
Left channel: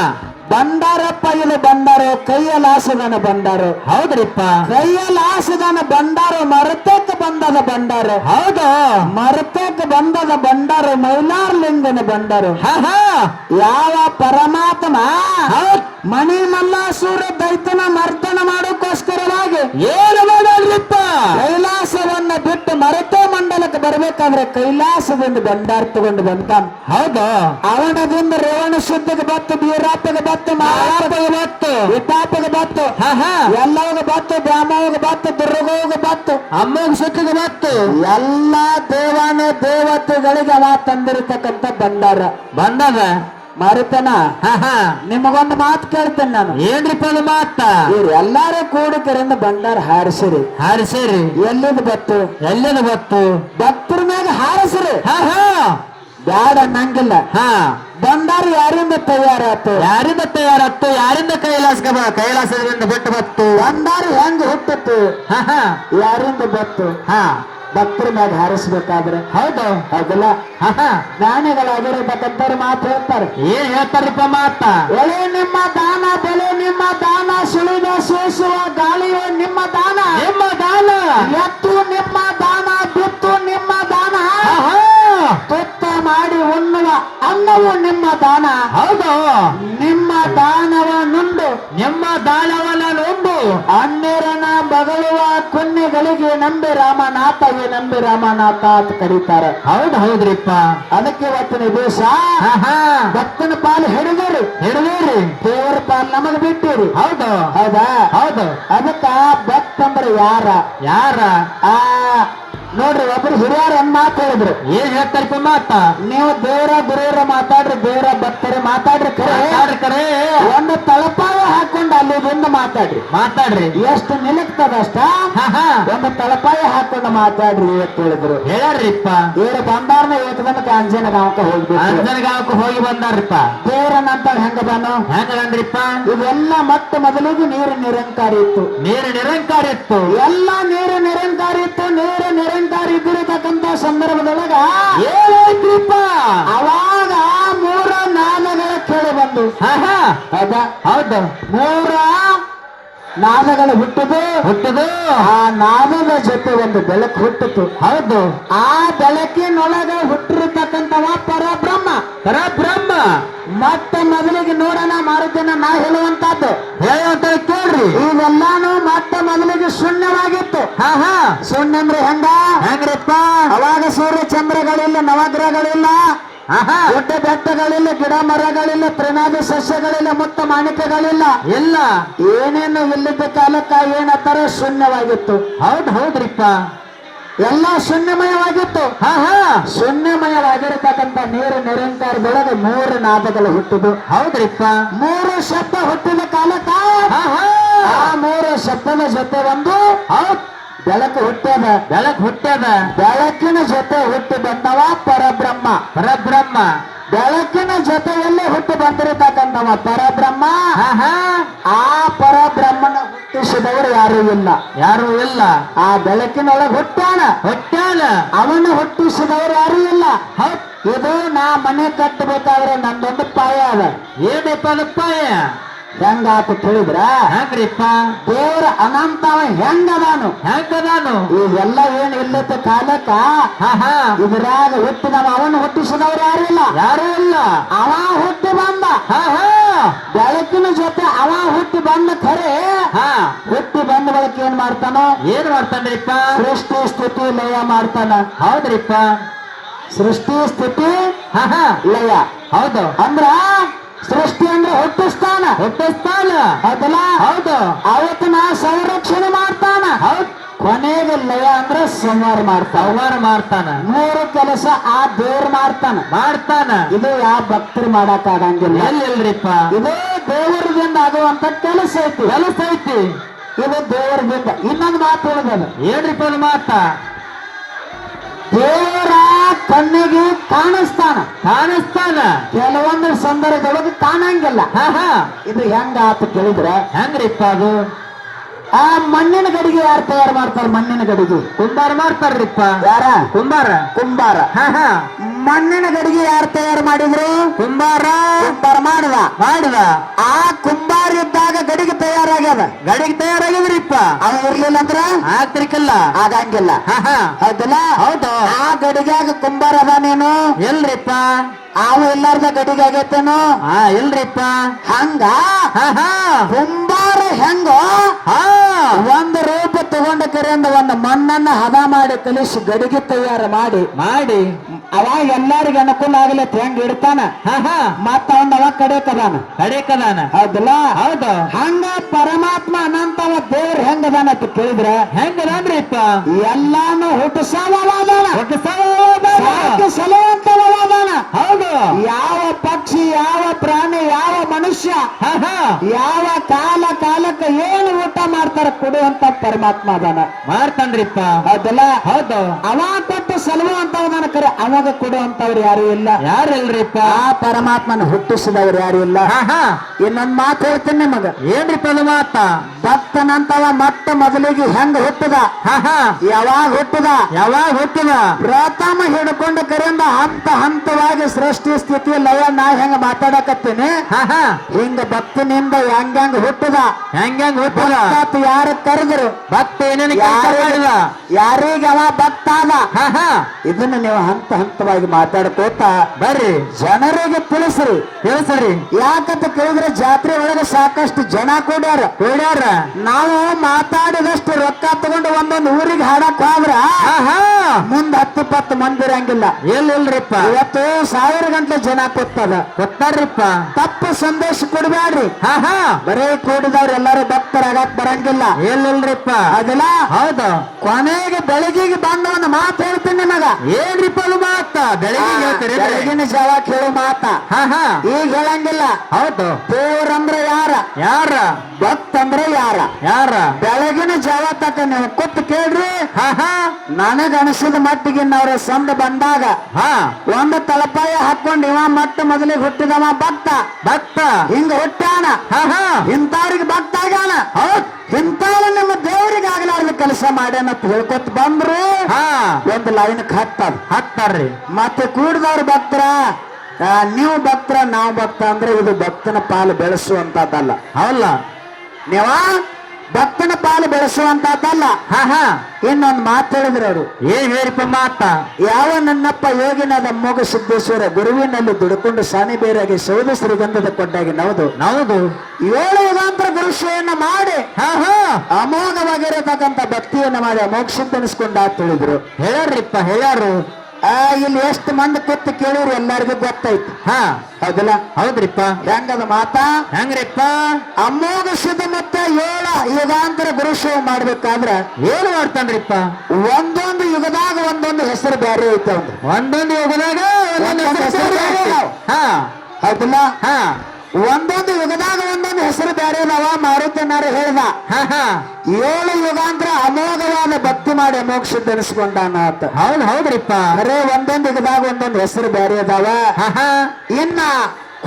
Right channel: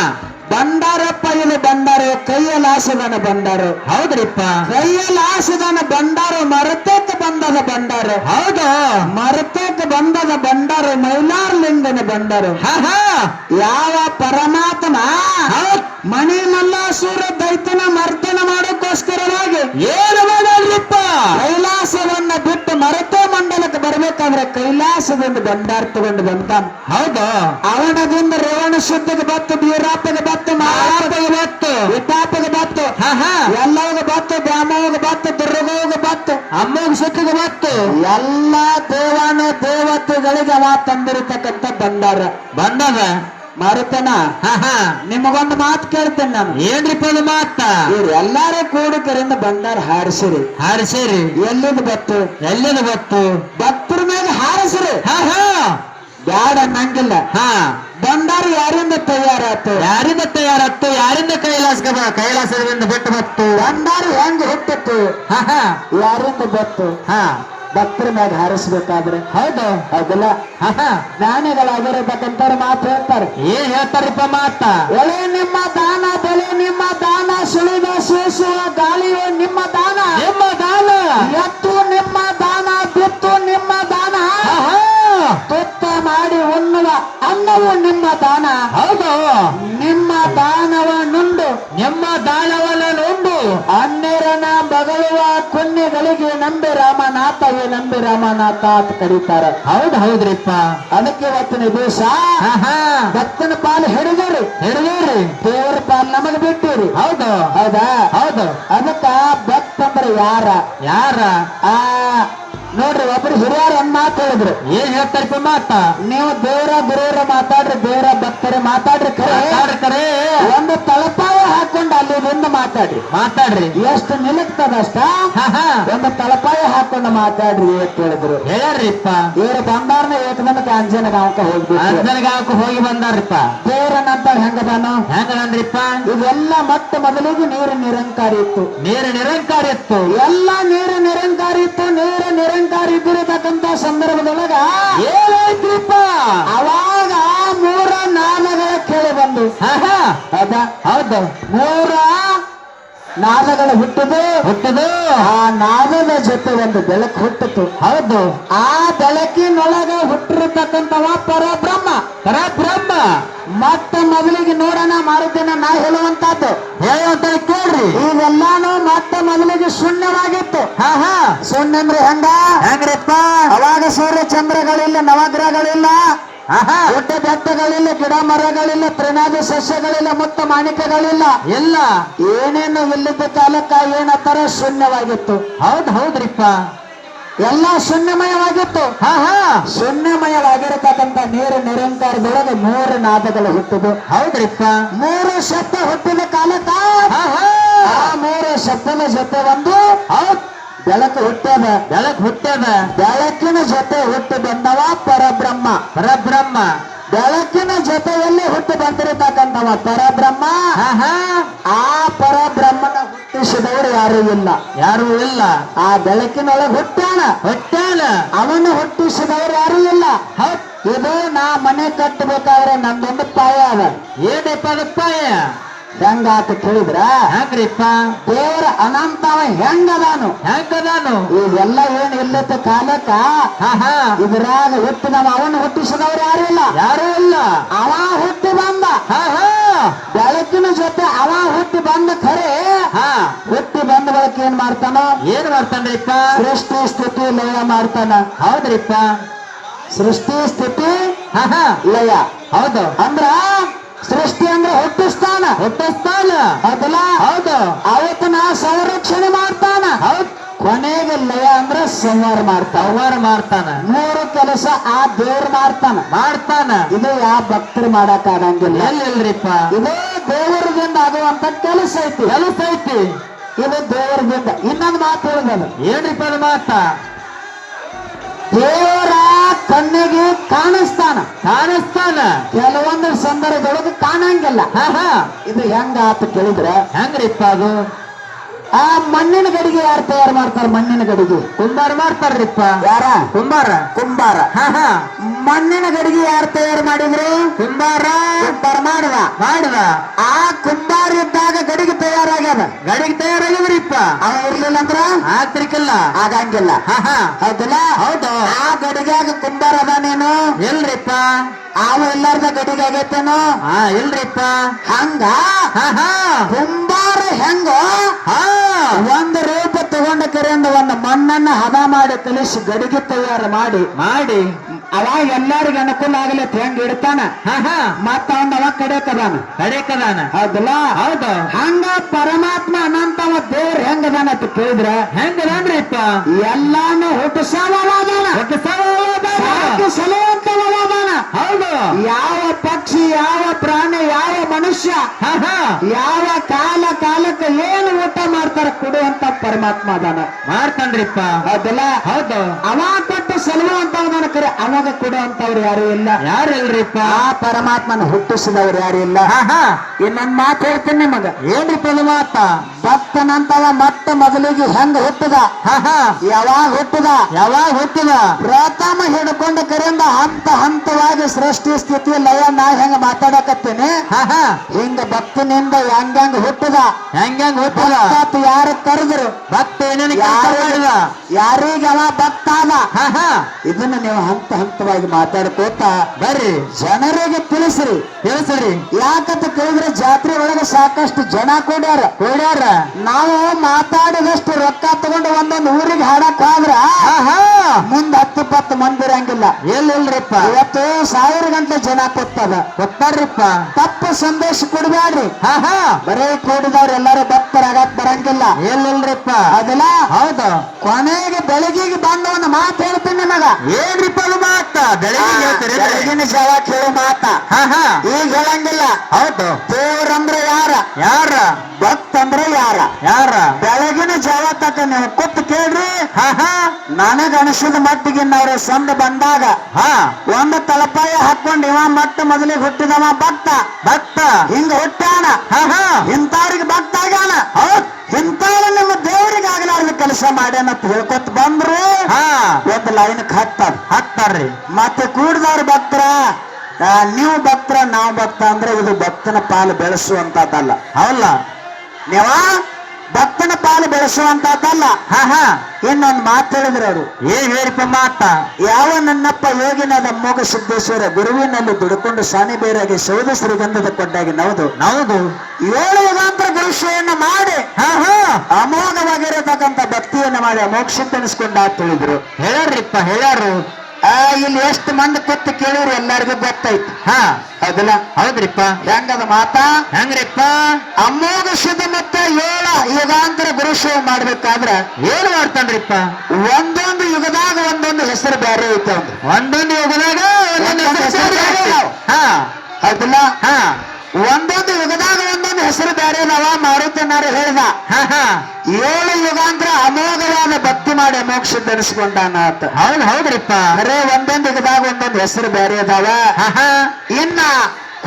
ಬಂಡಾರಪ್ಪ ಇಲ್ಲಿ ಬಂಡಾರ ಕೈಯಲಾಸದನ ಬಂಡಾರ. ಹೌದ್ರಿಪ್ಪ. ಕೈಯಲಾಸದನ ಬಂಡಾರ ಮರತಕ್ಕೆ ಬಂದದ ಬಂಡಾರ. ಹೌದು. ಮರತಕ್ಕೆ ಬಂದದ ಬಂಡಾರ ಮೈಲಾರ್ಲಿಂಗನ ಬಂಡಾರ. ಹಾ ಹಾ ಯಾವ ಪರಮಾತ್ಮ ಮಣಿಲೆಲ್ಲ ಸೂರ ದೈತ್ಯನ ಮರ್ದನ ಮಾಡೋಕ್ಕೋಸ್ಕರವಾಗಿ ಏನು ಮಾಡಲ್ರಿಪ್ಪ? ಕೈಲಾಸವನ್ನ ಬಿಟ್ಟು ಮರತ ಮಂಡಲಕ್ಕೆ ಬರ್ಬೇಕಾದ್ರೆ ಕೈಲಾಸದಿಂದ ಬಂಡಾರ ತಗೊಂಡು ಬಂದಾನ. ಹೌದು. ಅವನದಿಂದ ರೇವಣ ಶುದ್ಧಗೆ ಬತ್ತು, ಬೀರಾಪಗೆ ಬತ್ತು, ಮಾಪಗೆ ಬತ್ತು, ವಿಪಾಪಗೆ ಬತ್ತು, ಎಲ್ಲವಗ ಬತ್ತು, ದ್ಯಾಮೋಗ ಬತ್ತು, ದುರ್ಗೋಗ ಬತ್ತು, ಅಮ್ಮಗ ಸುಖಗೆ ಬತ್ತು. ಎಲ್ಲ ದೇವಾನು ದೇವತೆಗಳಿಗೆ ಅವ ತಂದಿರತಕ್ಕಂಥ ಬಂಡಾರ ಮರುತನ. ನಿಮಗೊಂದು ಮಾತು ಕೇಳ್ತೇನೆ ನಾನು. ಏನ್ರಿಪ್ಪ ಅದು ಮಾತ? ಇವ್ರು ಎಲ್ಲಾರು ಕೂಡಿಕರಿಂದ ಬಂಡಾರ ಹಾರಿಸಿರಿ. ಎಲ್ಲಿಂದ ಬತ್ತು? ಭಕ್ತರ ಮೇಲೆ ಹಾರಿಸಿರಿ. ಬ್ಯಾಡ ಅನ್ನಂಗಿಲ್ಲ. ಬಂಡಾರ ಯಾರಿಂದ ತಯಾರಾತು? ಯಾರಿಂದ ಕೈಲಾಸದಿಂದ ಬಿಟ್ಟು ಬತ್ತು? ಬಂಡಾರ ಹೆಂಗ್ ಹುಟ್ಟಿತ್ತು? ಯಾರಿಂದ ಬತ್ತು? ಭಕ್ತರ ಮೇಲೆ ಹಾರಿಸ್ಬೇಕಾದ್ರೆ. ಹೌದು. ಹೌದಲ್ಲ? ಜ್ಞಾನಿಗಳಾಗಿರತಕ್ಕಂಥವ್ರು ಮಾತು ಹೇಳ್ತಾರೆ. ಏನ್ ಹೇಳ್ತಾರಪ್ಪ ಮಾತ? ಎಳೆ ನಿಮ್ಮ ದಾನ, ಬೆಳೆ ನಿಮ್ಮ ದಾನ, ಸುಳಿದ ಸೋಸುವ ಗಾಳಿಯೋ ನಿಮ್ಮ ದಾನ, ಎತ್ತು ನಿಮ್ಮ ದಾನ, ಬಿತ್ತು ನಿಮ್ಮ ದಾನ, ತುತ್ತ ಮಾಡಿ ಉಣ್ಣುವ ಅನ್ನವು ನಿಮ್ಮ ದಾನ. ಹೌದು. ನಿಮ್ಮ ದಾನವ ನುಂಡು, ನಿಮ್ಮ ದಾನವನ್ನ ನುಂಡು ಅನ್ನರನ ಬಗಳುವ ಕುನ್ನಿಗಳಿಗೆ ನಂಬಿ ರಾಮನಾಥ ಅಂತ ಕರೀತಾರ. ಹೌದ್ರಿಪ್ಪ. ಅದಕ್ಕೆ ಇವತ್ತಿನ ದಿವಸ ಭಕ್ತನ ಪಾಲು ಹಿಡಿದರು ದೇವರ ಪಾಲು ನಮಗ್ ಬಿಟ್ಟಿರು. ಹೌದಾ? ಅದಕ್ಕ ಭಕ್ತ ಅಂದ್ರೆ ಯಾರ ನೋಡ್ರಿ, ಒಬ್ರು ಹಿರಿಯರು ಒಂದ್ ಮಾತು ಹೇಳಿದ್ರು. ಏನ್ ಹೇಳ್ತಾರಪ್ಪ ಮಾತ? ನೀವು ದೇವರ ಗುರುವರ ಮಾತಾಡ್ರಿ, ದೇವರ ಭಕ್ತರೇ ಮಾತಾಡ್ರಿ, ಕರೆ ಒಂದು ತಳಪಾಯ ಹಾಕೊಂಡು ಅಲ್ಲಿ ಬಂದು ಮಾತಾಡ್ರಿ. ಎಷ್ಟು ನಿಲುಕ್ತದಷ್ಟ ಒಂದು ತಳಪಾಯ ಹಾಕೊಂಡು ಮಾತಾಡ್ರಿ ಅಂತ ಹೇಳಿದ್ರು. ಹೇಳ್ರಿಪ್ಪ. ಇವ್ರ ಬಂದಾರ್ನ ಏಕದಮಕ್ಕೆ ಅಂಜನಗಾಂವಕ್ಕೆ ಹೋಗಿ ಬಂದಾರಪ್ಪ. ದೇವರನಂತ ಹೆಂಗದಾನು? ಹೆಂಗದಂದ್ರಿಪ್ಪ? ಇವೆಲ್ಲ ಮತ್ತೆ ಮೊದಲಿಗೆ ನೀರು ನಿರಂಕಾರಿ ಇತ್ತು. ಎಲ್ಲ ನೀರು ನಿರಂಕಾರಿ ಇತ್ತು. ನೀರು ನಿರಂಕಾರಿ ಇದ್ದಿರತಕ್ಕಂತ ಸಂದರ್ಭದೊಳಗ ಏನಾಯ್ತ್ರಿಪ್ಪ? ಅವಾಗ 3 ನಾದಗಳ ಕೇಳಿ ಬಂದು. ಹೌದು. 3 ನಾದಗಳು ಹುಟ್ಟದು. ಆ ನಾದದ ಜೊತೆ ಒಂದು ಬೆಳಕು ಹುಟ್ಟಿತು. ಹೌದು. ಆ ಬೆಳಕಿನೊಳಗ ಹುಟ್ಟಿರತಕ್ಕಂಥವ ಪರಬ್ರಹ್ಮ. ಮತ್ತೆ ಮೊದಲಿಗೆ ನೋಡೋಣ ಮಾರುತಿನ ನಾ ಹೇಳುವಂತದ್ದು ಕೇಳ್ರಿ. ಇವೆಲ್ಲಾನು ಮತ್ತೆ ಮೊದಲಿಗೆ ಶೂನ್ಯವಾಗಿತ್ತು. ಶೂನ್ಯ ಅಂದ್ರೆ ಹೆಂಗ್ರಿಪ್ಪ? ಅವಾಗ ಸೂರ್ಯ ಚಂದ್ರಗಳಿಲ್ಲ, ನವಗ್ರಹಗಳಿಲ್ಲ, ಗುಡ್ಡ ಬೆಟ್ಟಗಳಿಲ್ಲ, ಗಿಡ ಮರಗಳಿಲ್ಲ, ತೃಣಾದಿ ಸಸ್ಯಗಳಿಲ್ಲ, ಮುತ್ತ ಮಾಣಿಕ್ಯಗಳಿಲ್ಲ, ಇಲ್ಲ. ಏನೇನು ಇಲ್ಲದ ಕಾಲಕ್ಕ ಏನತ್ತರ ಶೂನ್ಯವಾಗಿತ್ತು. ಹೌದ್ರಿಪ್ಪ. ಎಲ್ಲ ಶೂನ್ಯಮಯವಾಗಿತ್ತು. ಶೂನ್ಯಮಯವಾಗಿರತಕ್ಕಂಥ ನೀರು ನಿರಂಕಾರದೊಳಗೆ 3 ನಾದಗಳು ಹುಟ್ಟಿದು. ಹೌದ್ರಿಪ್ಪ. 3 ಶಬ್ದ ಹುಟ್ಟಿದ ಕಾಲಕ್ಕ ಆ 3 ಶಬ್ದದ ಜೊತೆ ಒಂದು ಬೆಳಕು ಹುಟ್ಟ್ಯದ. ಬೆಳಕಿನ ಜೊತೆ ಹುಟ್ಟಿ ಬಂದವ ಪರಬ್ರಹ್ಮ. ಬೆಳಕಿನ ಜೊತೆಯಲ್ಲಿ ಹುಟ್ಟಿ ಬಂದಿರತಕ್ಕಂಥವ ಪರಬ್ರಹ್ಮ. ಆ ಪರಬ್ರಹ್ಮನ ಹುಟ್ಟಿಸಿದವರು ಯಾರೂ ಇಲ್ಲ. ಆ ಬೆಳಕಿನೊಳಗೆ ಹುಟ್ಟಾನ. ಅವನು ಹುಟ್ಟಿಸಿದವರು ಯಾರೂ ಇಲ್ಲ. ಇದು ನಾ ಮನೆ ಕಟ್ಟಬೇಕಾದ್ರೆ ನಮ್ದೊಂದು ಪಾಯ ಅದ. ಏನಪ್ಪ ಅದು ಪಾಯ? ಹೆಂಗಾತ ತಿಳಿದ್ರ? ಹೆಂಗ್ರಿಪ್ಪ? ದೇವರ ಅನಂತವ ಹೆಂಗದಾನು? ಇವೆಲ್ಲ ಏನ್ ಇಲ್ಲತ್ತ ಕಾಲಕ್ಕ ಇದ್ರಾಗ ಹುಟ್ಟಿದವ. ಅವನು ಹುಟ್ಟಿಸಿದವರು ಯಾರೂ ಇಲ್ಲ. ಅವ ಹುಟ್ಟಿ ಬಂದ. ಬೆಳಕಿನ ಜೊತೆ ಅವ ಹುಟ್ಟಿ ಬಂದ ಖರೆ. ಹುಟ್ಟಿ ಬಂದ ಬಳಕ ಏನ್ ಮಾಡ್ತಾನ್ರಿಪ್ಪ? ಸೃಷ್ಟಿ ಸ್ಥಿತಿ ಲಯ ಮಾಡ್ತಾನ. ಹೌದ್ರಿಪ್ಪ. ಸೃಷ್ಟಿ ಸ್ಥಿತಿ ಲಯ. ಹೌದು. ಅಂದ್ರ ಸೃಷ್ಟಿ ಅಂದ್ರೆ ಹುಟ್ಟಿಸ್ತಾನ. ಅದಲ್ಲ? ಹೌದು. ಅವತ್ತಿನ ಸಂರಕ್ಷಣೆ ಮಾಡ್ತಾನ. ಕೊನೆಗೆ ಲಯ ಅಂದ್ರೆ ಸಂಹಾರ ಮಾಡ್ತಾನ. 3 ಕೆಲಸ ಆ ದೇವ್ರು ಮಾಡ್ತಾನ. ಇದು ಯಾವ ಭಕ್ತರು ಮಾಡಕ್ ಆಗಂಗಿಲ್ಲ. ಎಲ್ಲಿಲ್ರಿಪ್ಪ? ಇದು ದೇವರಿಂದ ಆಗುವಂತ ಮಾಡುವಂತ ಕೆಲಸ ಐತಿ. ಕೆಲಸ ಐತಿ. ಇದು ದೇವರದಿಂದ. ಇನ್ನೊಂದು ಮಾತು ಹೇಳಿದ, ಏನ್ರಿಪ್ಪ ಅದು ಮಾತ? ದೇವರ ಕಣ್ಣಿಗೆ ಕಾಣಿಸ್ತಾನ, ಕೆಲವೊಂದು ಸಂದರ್ಭದೊಳಗೆ ಕಾಣಂಗಿಲ್ಲ. ಇದು ಹೆಂಗ ಆತ ಕೇಳಿದ್ರ, ಹೆಂಗ್ರಿಪ್ಪ ಅದು? ಆ ಮಣ್ಣಿನ ಗಡಿಗೆ ಯಾರು ತಯಾರು ಮಾಡ್ತಾರ? ಮಣ್ಣಿನ ಗಡಿಗೆ ಕುಂಬಾರ ಮಾಡ್ತಾರ್ರಿಪ್ಪ. ಯಾರ? ಕುಂಬಾರ. ಕುಂಬಾರ. ಮಣ್ಣಿನ ಗಡಿಗೆ ಯಾರು ತಯಾರು ಮಾಡಿದ್ರು? ಕುಂಬಾರ ಮಾಡಿದ. ಆ ಕುಂಬಾರ ಇದ್ದಾಗ ಗಡಿಗೆ ತಯಾರಾಗ್ಯದ. ಗಾಡಿಗೆ ತಯಾರಾಗಿದ್ರಿಪ್ಪ. ಅವ ಇರ್ಲಿಲ್ಲ ಅಂದ್ರ ಆಗ್ತಿರ್ಕಿಲ್ಲ. ಆಗಂಗಿಲ್ಲ. ಹೌದಲ್ಲ? ಹೌದು. ಆ ಗಡಿಗ್ಯಾಗ ಕುಂಬಾರ ಅದಾನೇನು? ಎಲ್ರಿಪ್ಪ? ಅವ ಎಲ್ಲಾರ್ದ ಗಡಿಗೆ ಆಗೈತೇನು? ಇಲ್ರಿಪ್ಪ. ಹಂಗ ಕುಂಬಾರ ಹೆಂಗ ಒಂದು ರೂಪ ತಗೊಂಡ ಕರೆಯಿಂದ ಒಂದು ಮಣ್ಣನ್ನ ಹದ ಮಾಡಿ ಕಲಿಸಿ ಗಡಿಗೆ ತಯಾರು ಮಾಡಿ ಅವಾಗ ಎಲ್ಲರಿಗೂ ಅನುಕೂಲ ಆಗಲಿ ಹೆಂಗ್ ಇಡ್ತಾನ. ಮತ್ತ ಅವನ್ ಅವಾಗ ಕಡೆಕದಾನ. ಹೌದಲ್ಲ? ಹೌದು. ಹಂಗ ಪರಮಾತ್ಮ ಅನಂತವ ದೇವ್ರ ಹೆಂಗದಾನ ಅಂತ ಕೇಳಿದ್ರ ಹೆಂಗದಾನ್ರಿಪ್ಪ? ಎಲ್ಲಾನು ಹುಟ್ಟಿಸವಾದಾನ, ಸಲುವಂತವಾದಾನ. ಹೌದು. ಯಾವ ಪಕ್ಷಿ, ಯಾವ ಪ್ರಾಣಿ, ಯಾವ ಮನುಷ್ಯ ಯಾವ ಕಾಲಕ್ಕೆ ಏನು ಊಟ ಮಾಡ್ತಾರ ಕೊಡುವಂತ ಪರಮಾತ್ಮ ಅದಾನ. ಮಾಡ್ತಾನ್ರಿಪ್ಪ. ಹೌದಲ್ಲ? ಹೌದು. ಅವ ಕೊಟ್ಟು ಸಲುವಂತವದಾನ ಕರೆ ಅವಾಗ ಕೊಡುವಂತವ್ರು ಯಾರು ಇಲ್ಲ. ಯಾರಿಲ್ರಿಪ್ಪ? ಆ ಪರಮಾತ್ಮನ ಹುಟ್ಟಿಸಿದವ್ರು ಯಾರು ಇಲ್ಲ. ಇನ್ನೊಂದ್ ಮಾತು ಹೇಳ್ತೀನಿ ನಿಮಗ. ಏನ್ರಿಪ್ಪ ಅದು ಮಾತ? ಭಕ್ತನಂತವ ಮೊಟ್ಟ ಮೊದಲಿಗೆ ಹೆಂಗ ಹುಟ್ಟದ, ಯಾವಾಗ ಹುಟ್ಟದ ಪ್ರಥಮ ಹಿಡ್ಕೊಂಡು ಕರೆಯಿಂದ ಹಂತವಾಗಿ ಸೃಷ್ಟಿ ಸ್ಥಿತಿ ಲಯ ನಾ ಹೆಂಗ ಮಾತಾಡಕತ್ತೀನಿ ಹಿಂಗ ಭಕ್ತನಿಂದ ಹೆಂಗ ಹುಟ್ಟದ, ಯಾರು ಕರೆದ್ರು ಭಕ್ತ ಯಾರಿಗೆ ಅವ ಭಕ್ತ ಅದ. ಇದನ್ನ ನೀವು ಹಂತವಾಗಿ ಮಾತಾಡ್ಕೋತ ಬರ್ರಿ, ಜನರಿಗೆ ತಿಳಿಸ್ರಿ. ಯಾಕಂತ ಕೇಳಿದ್ರೆ ಜಾತ್ರೆ ಒಳಗೆ ಸಾಕಷ್ಟು ಜನ ಕೂಡ್ಯಾರ. ನಾವು ಮಾತಾಡಿದಷ್ಟು ರೊಕ್ಕ ತಗೊಂಡು ಒಂದೊಂದು ಊರಿಗೆ ಹಾಡಕ್ ಹೋದ್ರ ಮುಂದ್ 10-20 ಮಂದಿ ಇರಂಗಿಲ್ಲ. ಎಲ್ಲಿಲ್ರಿಪ್ಪ? ಇವತ್ತು 1000 ಗಂಟೆ ಜನ ಕೊತ್ತಾರ್ರಿಪ್ಪ. ತಪ್ಪು ಸಂದೇಶ ಕೊಡ್ಬ್ಯಾಡ್ರಿ. ಬರೀ ಕೂಡಿದವ್ರು ಎಲ್ಲರೂ ಭಕ್ತರಾಗಕ್ ಬರಂಗಿಲ್ಲ. ಎಲ್ಲಿಲ್ರಿಪ್ಪ? ಅದಲ್ಲ? ಹೌದು. ಕೊನೆಗೆ ಬೆಳಗಿಗೆ ಬಂದ ಒಂದು ಮಾತು ಹೇಳ್ತೀನಿ ನಿಮಗ. ಏನ್ರಿಪ್ಪ ಅದು ಮಾತ? ಬೆಳಗಿನ ಜಾವ ಕೇಳೋ ಮಾತ ಈಗ ಹೇಳಂಗಿಲ್ಲ. ಹೌದು. ದೇವ್ರಂದ್ರೆ ಯಾರ? ಭಕ್ತ ಅಂದ್ರೆ ಯಾರ? ಬೆಳಗಿನ ಜಾವ ತಕ್ಕ ನೀವು ಕೂತ್ ಕೇಳ್ರಿ. ನನಗ ಅನಿಸಿದ ಮಟ್ಟಿಗೆ ಅವ್ರ ಸಂದ ಬಂದಾಗ ಒಂದು ತಲಪಾಯ ಹಾಕೊಂಡು ಇವ ಮೊಟ್ಟ ಮೊದಲಿಗೆ ಹುಟ್ಟಿದವ ಭಕ್ತ ಹಿಂಗ ಹುಟ್ಟಾನ. ಇಂಥವ್ರಿಗೆ ಭಕ್ತ ಆಗ್ಯಾನ. ಇಂಥವ್ರು ನಿಮ್ಮ ದೇವರಿಗೆ ಆಗ್ಲಾರ್ದ ಕೆಲಸ ಮಾಡ್ಯಾನ ಅಂತ ಹೇಳ್ಕೊತ ಬಂದ್ರು ಒಂದು ಲೈನ್ ಹಾಕ್ತಾರ್ರಿ. ಮತ್ತೆ ಕೂಡಿದವ್ರ ಭಕ್ತರ, ನೀವು ಭಕ್ತರ ನಾವು ಭಕ್ತ ಅಂದ್ರೆ ಇದು ಭಕ್ತನ ಪಾಲು ಬೆಳೆಸುವಂತದ್ದಲ್ಲ. ಅಲ್ಲ, ನೀವ ಭಕ್ತನ ಪಾಲು ಬೆಳೆಸುವಂತದ್ದಲ್ಲ. ಇನ್ನೊಂದು ಮಾತು ಹೇಳಿದ್ರು ಅವರು. ಏನ್ ಹೇಳಿಪ್ಪ ಮಾತ? ಯಾವ ನನ್ನಪ್ಪ ಯೋಗಿನಾದ ಅಮ್ಮೋಗ ಸಿದ್ದೇಶ್ವರ ಗುರುವಿನಲ್ಲಿ ದುಡ್ಕೊಂಡು ಸಾನಿ ಬೇರಾಗಿ ಸೌದ ಶ್ರೀಗಂಧದ ಕೊಂಡಾಗಿ ನವದು 7 ಯುಗಾಂತರ ಗುರುಷೆಯನ್ನ ಮಾಡಿ ಅಮೋಘವಾಗಿರತಕ್ಕಂಥ ಭಕ್ತಿಯನ್ನ ಮಾಡಿ ಅಮೋಕ್ಷಿದ್ದನಿಸ್ಕೊಂಡ ಅಂತ ಹೇಳಿದ್ರು. ಹೇಳ್ಯಾರು. ಇಲ್ಲಿ ಎಷ್ಟು ಮಂದಿ ಕೂತು ಕೇಳಿದ್ರು ಎಲ್ಲರಿಗೂ ಗೊತ್ತೈತಿ. ಅದಲ್ಲ? ಹೌದ್ರಿಪ್ಪ. ಹೆಂಗದ ಮಾತಾ? ಹೆಂಗ್ರಿಪ್ಪ? ಅಮೋಘ ಸಿದ್ಧ ಮತ್ತೆ 7 ಯುಗಾಂತರ ಗುರುಷೇವ ಮಾಡ್ಬೇಕಾದ್ರ ಏನ್ ಮಾಡ್ತಾನ್ರಿಪ್ಪ? ಒಂದೊಂದು ಯುಗದಾಗ ಒಂದೊಂದು ಹೆಸರು ಬೇರೆ ಐತೆ. ಒಂದೊಂದು ಯುಗದಾಗ ಒಂದೊಂದು ಹೆಸರು. ಹೌದಲ್ಲ? ಒಂದೊಂದು ಯುಗದಾಗ ಒಂದೊಂದು ಹೆಸರು ಬೇರೆ ನಾವ ಮಾರುತನಾರು ಹೇಳಿದ. 7 ಯುಗಾಂತರ ಅಮೋಘವಾದ ಭಕ್ತಿ ಮಾಡಿ ಅಮೋಕ್ಷ ಧರಿಸ್ಕೊಂಡಾನ ಅಂತ. ಹೌದ್ರಿಪ್ಪ. ಬರೇ ಒಂದೊಂದು ಯುಗದಾಗ ಒಂದೊಂದು ಹೆಸರು ಬೇರೆ ಅದಾವ. ಇನ್ನ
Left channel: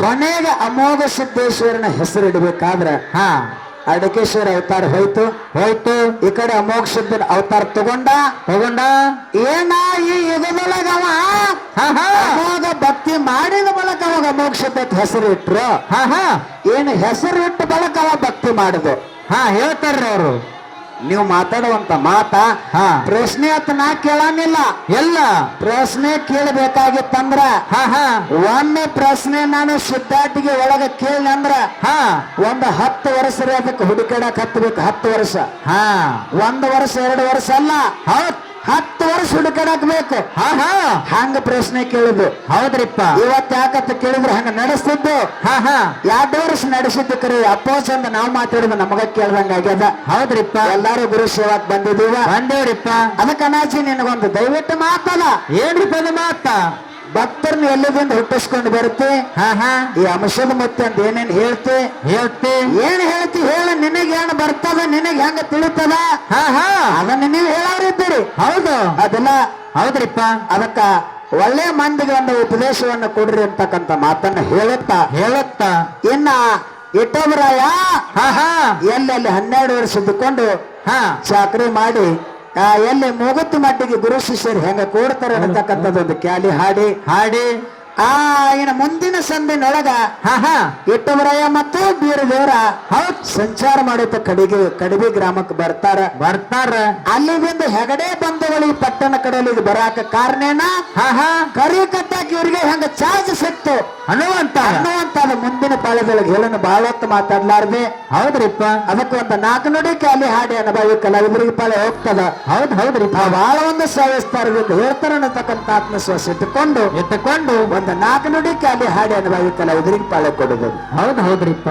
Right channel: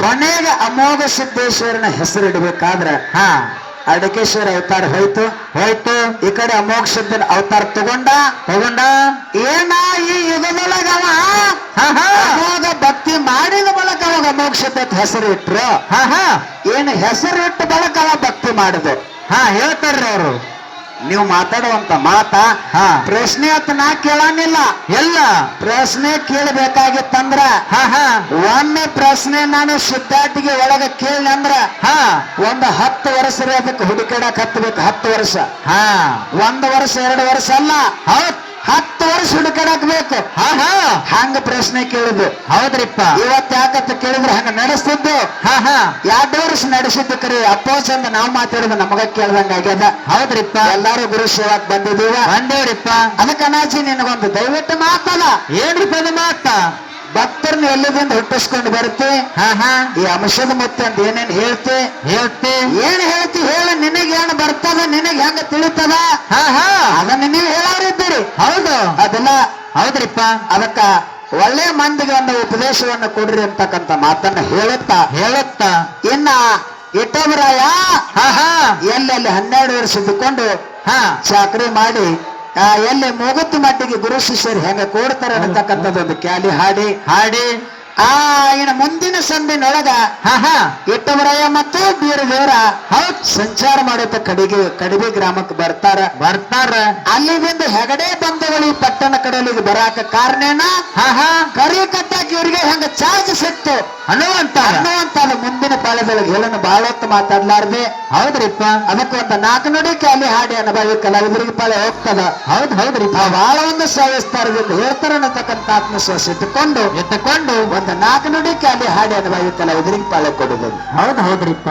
ಕೊನೆಗೆ ಅಮೋಘ ಸಿದ್ದೇಶ್ವರನ ಹೆಸರು ಇಡಬೇಕಾದ್ರ ಅಡಕೇಶ್ವರ ಅವತಾರ ಹೋಯ್ತು. ಈ ಕಡೆ ಅಮೋಘ ಸಿದ್ದನ ಅವತಾರ ತಗೊಂಡ ಏನ ಈ ಯುಗದೊಳಗವ ಅಮೋಘ ಭಕ್ತಿ ಮಾಡಿದ ಬಳಕ ಅವಾಗ ಅಮೋಘ ಸಿದ್ಧಕ್ಕೆ ಹೆಸರು ಇಟ್ರು. ಏನು ಹೆಸರು ಇಟ್ಟು ಬಳಕ ಅವ ಭಕ್ತಿ ಮಾಡಿದೆ. ಹೇಳ್ತಾರ್ರಿ ಅವರು. ನೀವು ಮಾತಾಡುವಂತ ಮಾತ ಪ್ರಶ್ನೆ ಅಂತ ನಾ ಕೇಳಂಗಿಲ್ಲ. ಎಲ್ಲ ಪ್ರಶ್ನೆ ಕೇಳಬೇಕಾಗಿತ್ತಂದ್ರ ಒಮ್ಮೆ ಪ್ರಶ್ನೆ ನಾನು ಸಿದ್ಧಾರ್ಥಿಗೆ ಒಳಗ ಕೇಳಿನಂದ್ರ ಒಂದು 10 ವರ್ಷ ಅದಕ್ಕೆ ಹುಡುಕಾಡಕ್ ಹತ್ತಬೇಕು. 10 ವರ್ಷ. 1 ವರ್ಷ 2 ವರ್ಷ ಅಲ್ಲ, 10 ವರ್ಷ ಹುಡುಕಾಡಕ್ ಬೇಕು. ಹಂಗ ಪ್ರಶ್ನೆ ಕೇಳಿದ್ದು. ಹೌದ್ರಿಪ್ಪ. ಇವತ್ತು ಯಾಕಂತ ಕೇಳಿದ್ರೆ ಹಂಗ ನಡೆಸ್ತಿದ್ದು. 2 ವರ್ಷ ನಡೆಸಿದ್ದು ಕರಿ ಅಪ್ಪೋ ಚಂದ ನಾವು ಮಾತಾಡಿದ ನಮಗ ಕೇಳ್ದಂಗ ಆಗ್ಯದ. ಹೌದ್ರಿಪ್ಪ. ಎಲ್ಲಾರು ಗುರು ಸೇವಾಕ್ ಬಂದಿದ್ದೀವ. ಬಂದೇವ್ರಿಪ್ಪ. ಅದಕ್ಕೆ ಅನಾಜಿ ನಿನಗೊಂದು ದಯವಿಟ್ಟು ಮಾತಲ್ಲ. ಏನ್ರಿಪ್ಪ ಅದು ಮಾತ? ಭಕ್ತರನ್ನ ಎಲ್ಲದಿಂದ ಹುಟ್ಟಿಸ್ಕೊಂಡು ಬರುತ್ತೆ ಹಾ ಹಾ ಈ ಅಂಶದ ಮತ್ತೆ ಅಂತ ಏನೇನ್ ಹೇಳ್ತಿ ಏನ್ ಹೇಳ್ತಿ ಹೇಳ ನಿನಗೇನು ಬರ್ತದ ನಿನಗೆ ಹೆಂಗ ತಿಳಿತದ ಹಾ ಹಾ ಅದನ್ನ ನೀವು ಹೇಳೋರಿದ್ದೀರಿ ಹೌದು ಅದನ್ನ ಹೌದ್ರಿಪ್ಪ ಅದಕ್ಕ ಒಳ್ಳೆ ಮಂದಿಗೆ ಒಂದು ಉಪದೇಶವನ್ನ ಕೊಡ್ರಿ ಅಂತಕ್ಕಂಥ ಮಾತನ್ನ ಹೇಳುತ್ತಾ ಇನ್ನ ಇಟ್ಟಬರಾಯ ಹಾ ಹಾ ಎಲ್ಲೆಲ್ಲಿ 12 ವರ್ಷ ಇದ್ದುಕೊಂಡು ಹಾ ಚಾಕ್ರಿ ಮಾಡಿ ಎಲ್ಲಿ ಮೂಗತ್ತು ಮಟ್ಟಿಗೆ ಗುರು ಶಿಷ್ಯರು ಹೆಂಗ ಕೂಡ್ತಾರೆ ಅನ್ನತಕ್ಕಂಥದ್ದೊಂದು ಕ್ಯಾಲಿ ಹಾಡಿ ಇನ್ನು ಮುಂದಿನ ಸಂದಿನೊಳಗ ಹಾ ಹಾ ಇಟ್ಟವರಾಯ ಮತ್ತು ಬೀರದೇವರ ಸಂಚಾರ ಮಾಡುತ್ತ ಕಡಿಬೆ ಗ್ರಾಮಕ್ಕೆ ಬರ್ತಾರ ಅಲ್ಲಿಂದ ಹೆಗಡೆ ಬಂಧುಗಳು ಈ ಪಟ್ಟಣ ಕಡೆಯಲ್ಲಿ ಬರಾಕ ಕಾರಣೇನ ಹಾ ಹಾ ಕರಿ ಕಟ್ಟಾಕಿ ಇವರಿಗೆ ಹೆಂಗ ಚಾರ್ಜ್ ಸಿಕ್ತು ಅನ್ನುವಂತ ಮುಂದಿನ ಪಾಳದೊಳಗೆ ಹೇಳನ್ನು ಬಹಳ ಹೊತ್ತು ಮಾತಾಡ್ಲಾರ್ದೆ ಹೌದ್ರಿಪ್ಪ ಅದಕ್ಕೆ ಒಂದು 4 ನುಡಿ ಕ್ಯಾಲಿ ಹಾಡಿ ಅನುಭವಿ ಕಲಾವಿದರಿಗೆ ಪಾಳೆ ಹೋಗ್ತದ ಹೌದ್ರಿಪ್ಪ ಬಹಳ ಒಂದು ಸವಿಸ್ತಾರದಿಂದ ಹೇಳ್ತಾರ ಅನ್ನತಕ್ಕಂಥ ಆತ್ಮವಿಶ್ವಾಸ ಇಟ್ಟುಕೊಂಡು ಎತ್ತಕೊಂಡು ಒಂದು 4 ನುಡಿ ಕ್ಯಾಲಿ ಹಾಡಿ ಅನುಭವಿ ಕಲಾವಿದರಿಗೆ ಪಾಳೆ ಕೊಡುವುದು ಹೌದ್ರಿಪ್ಪ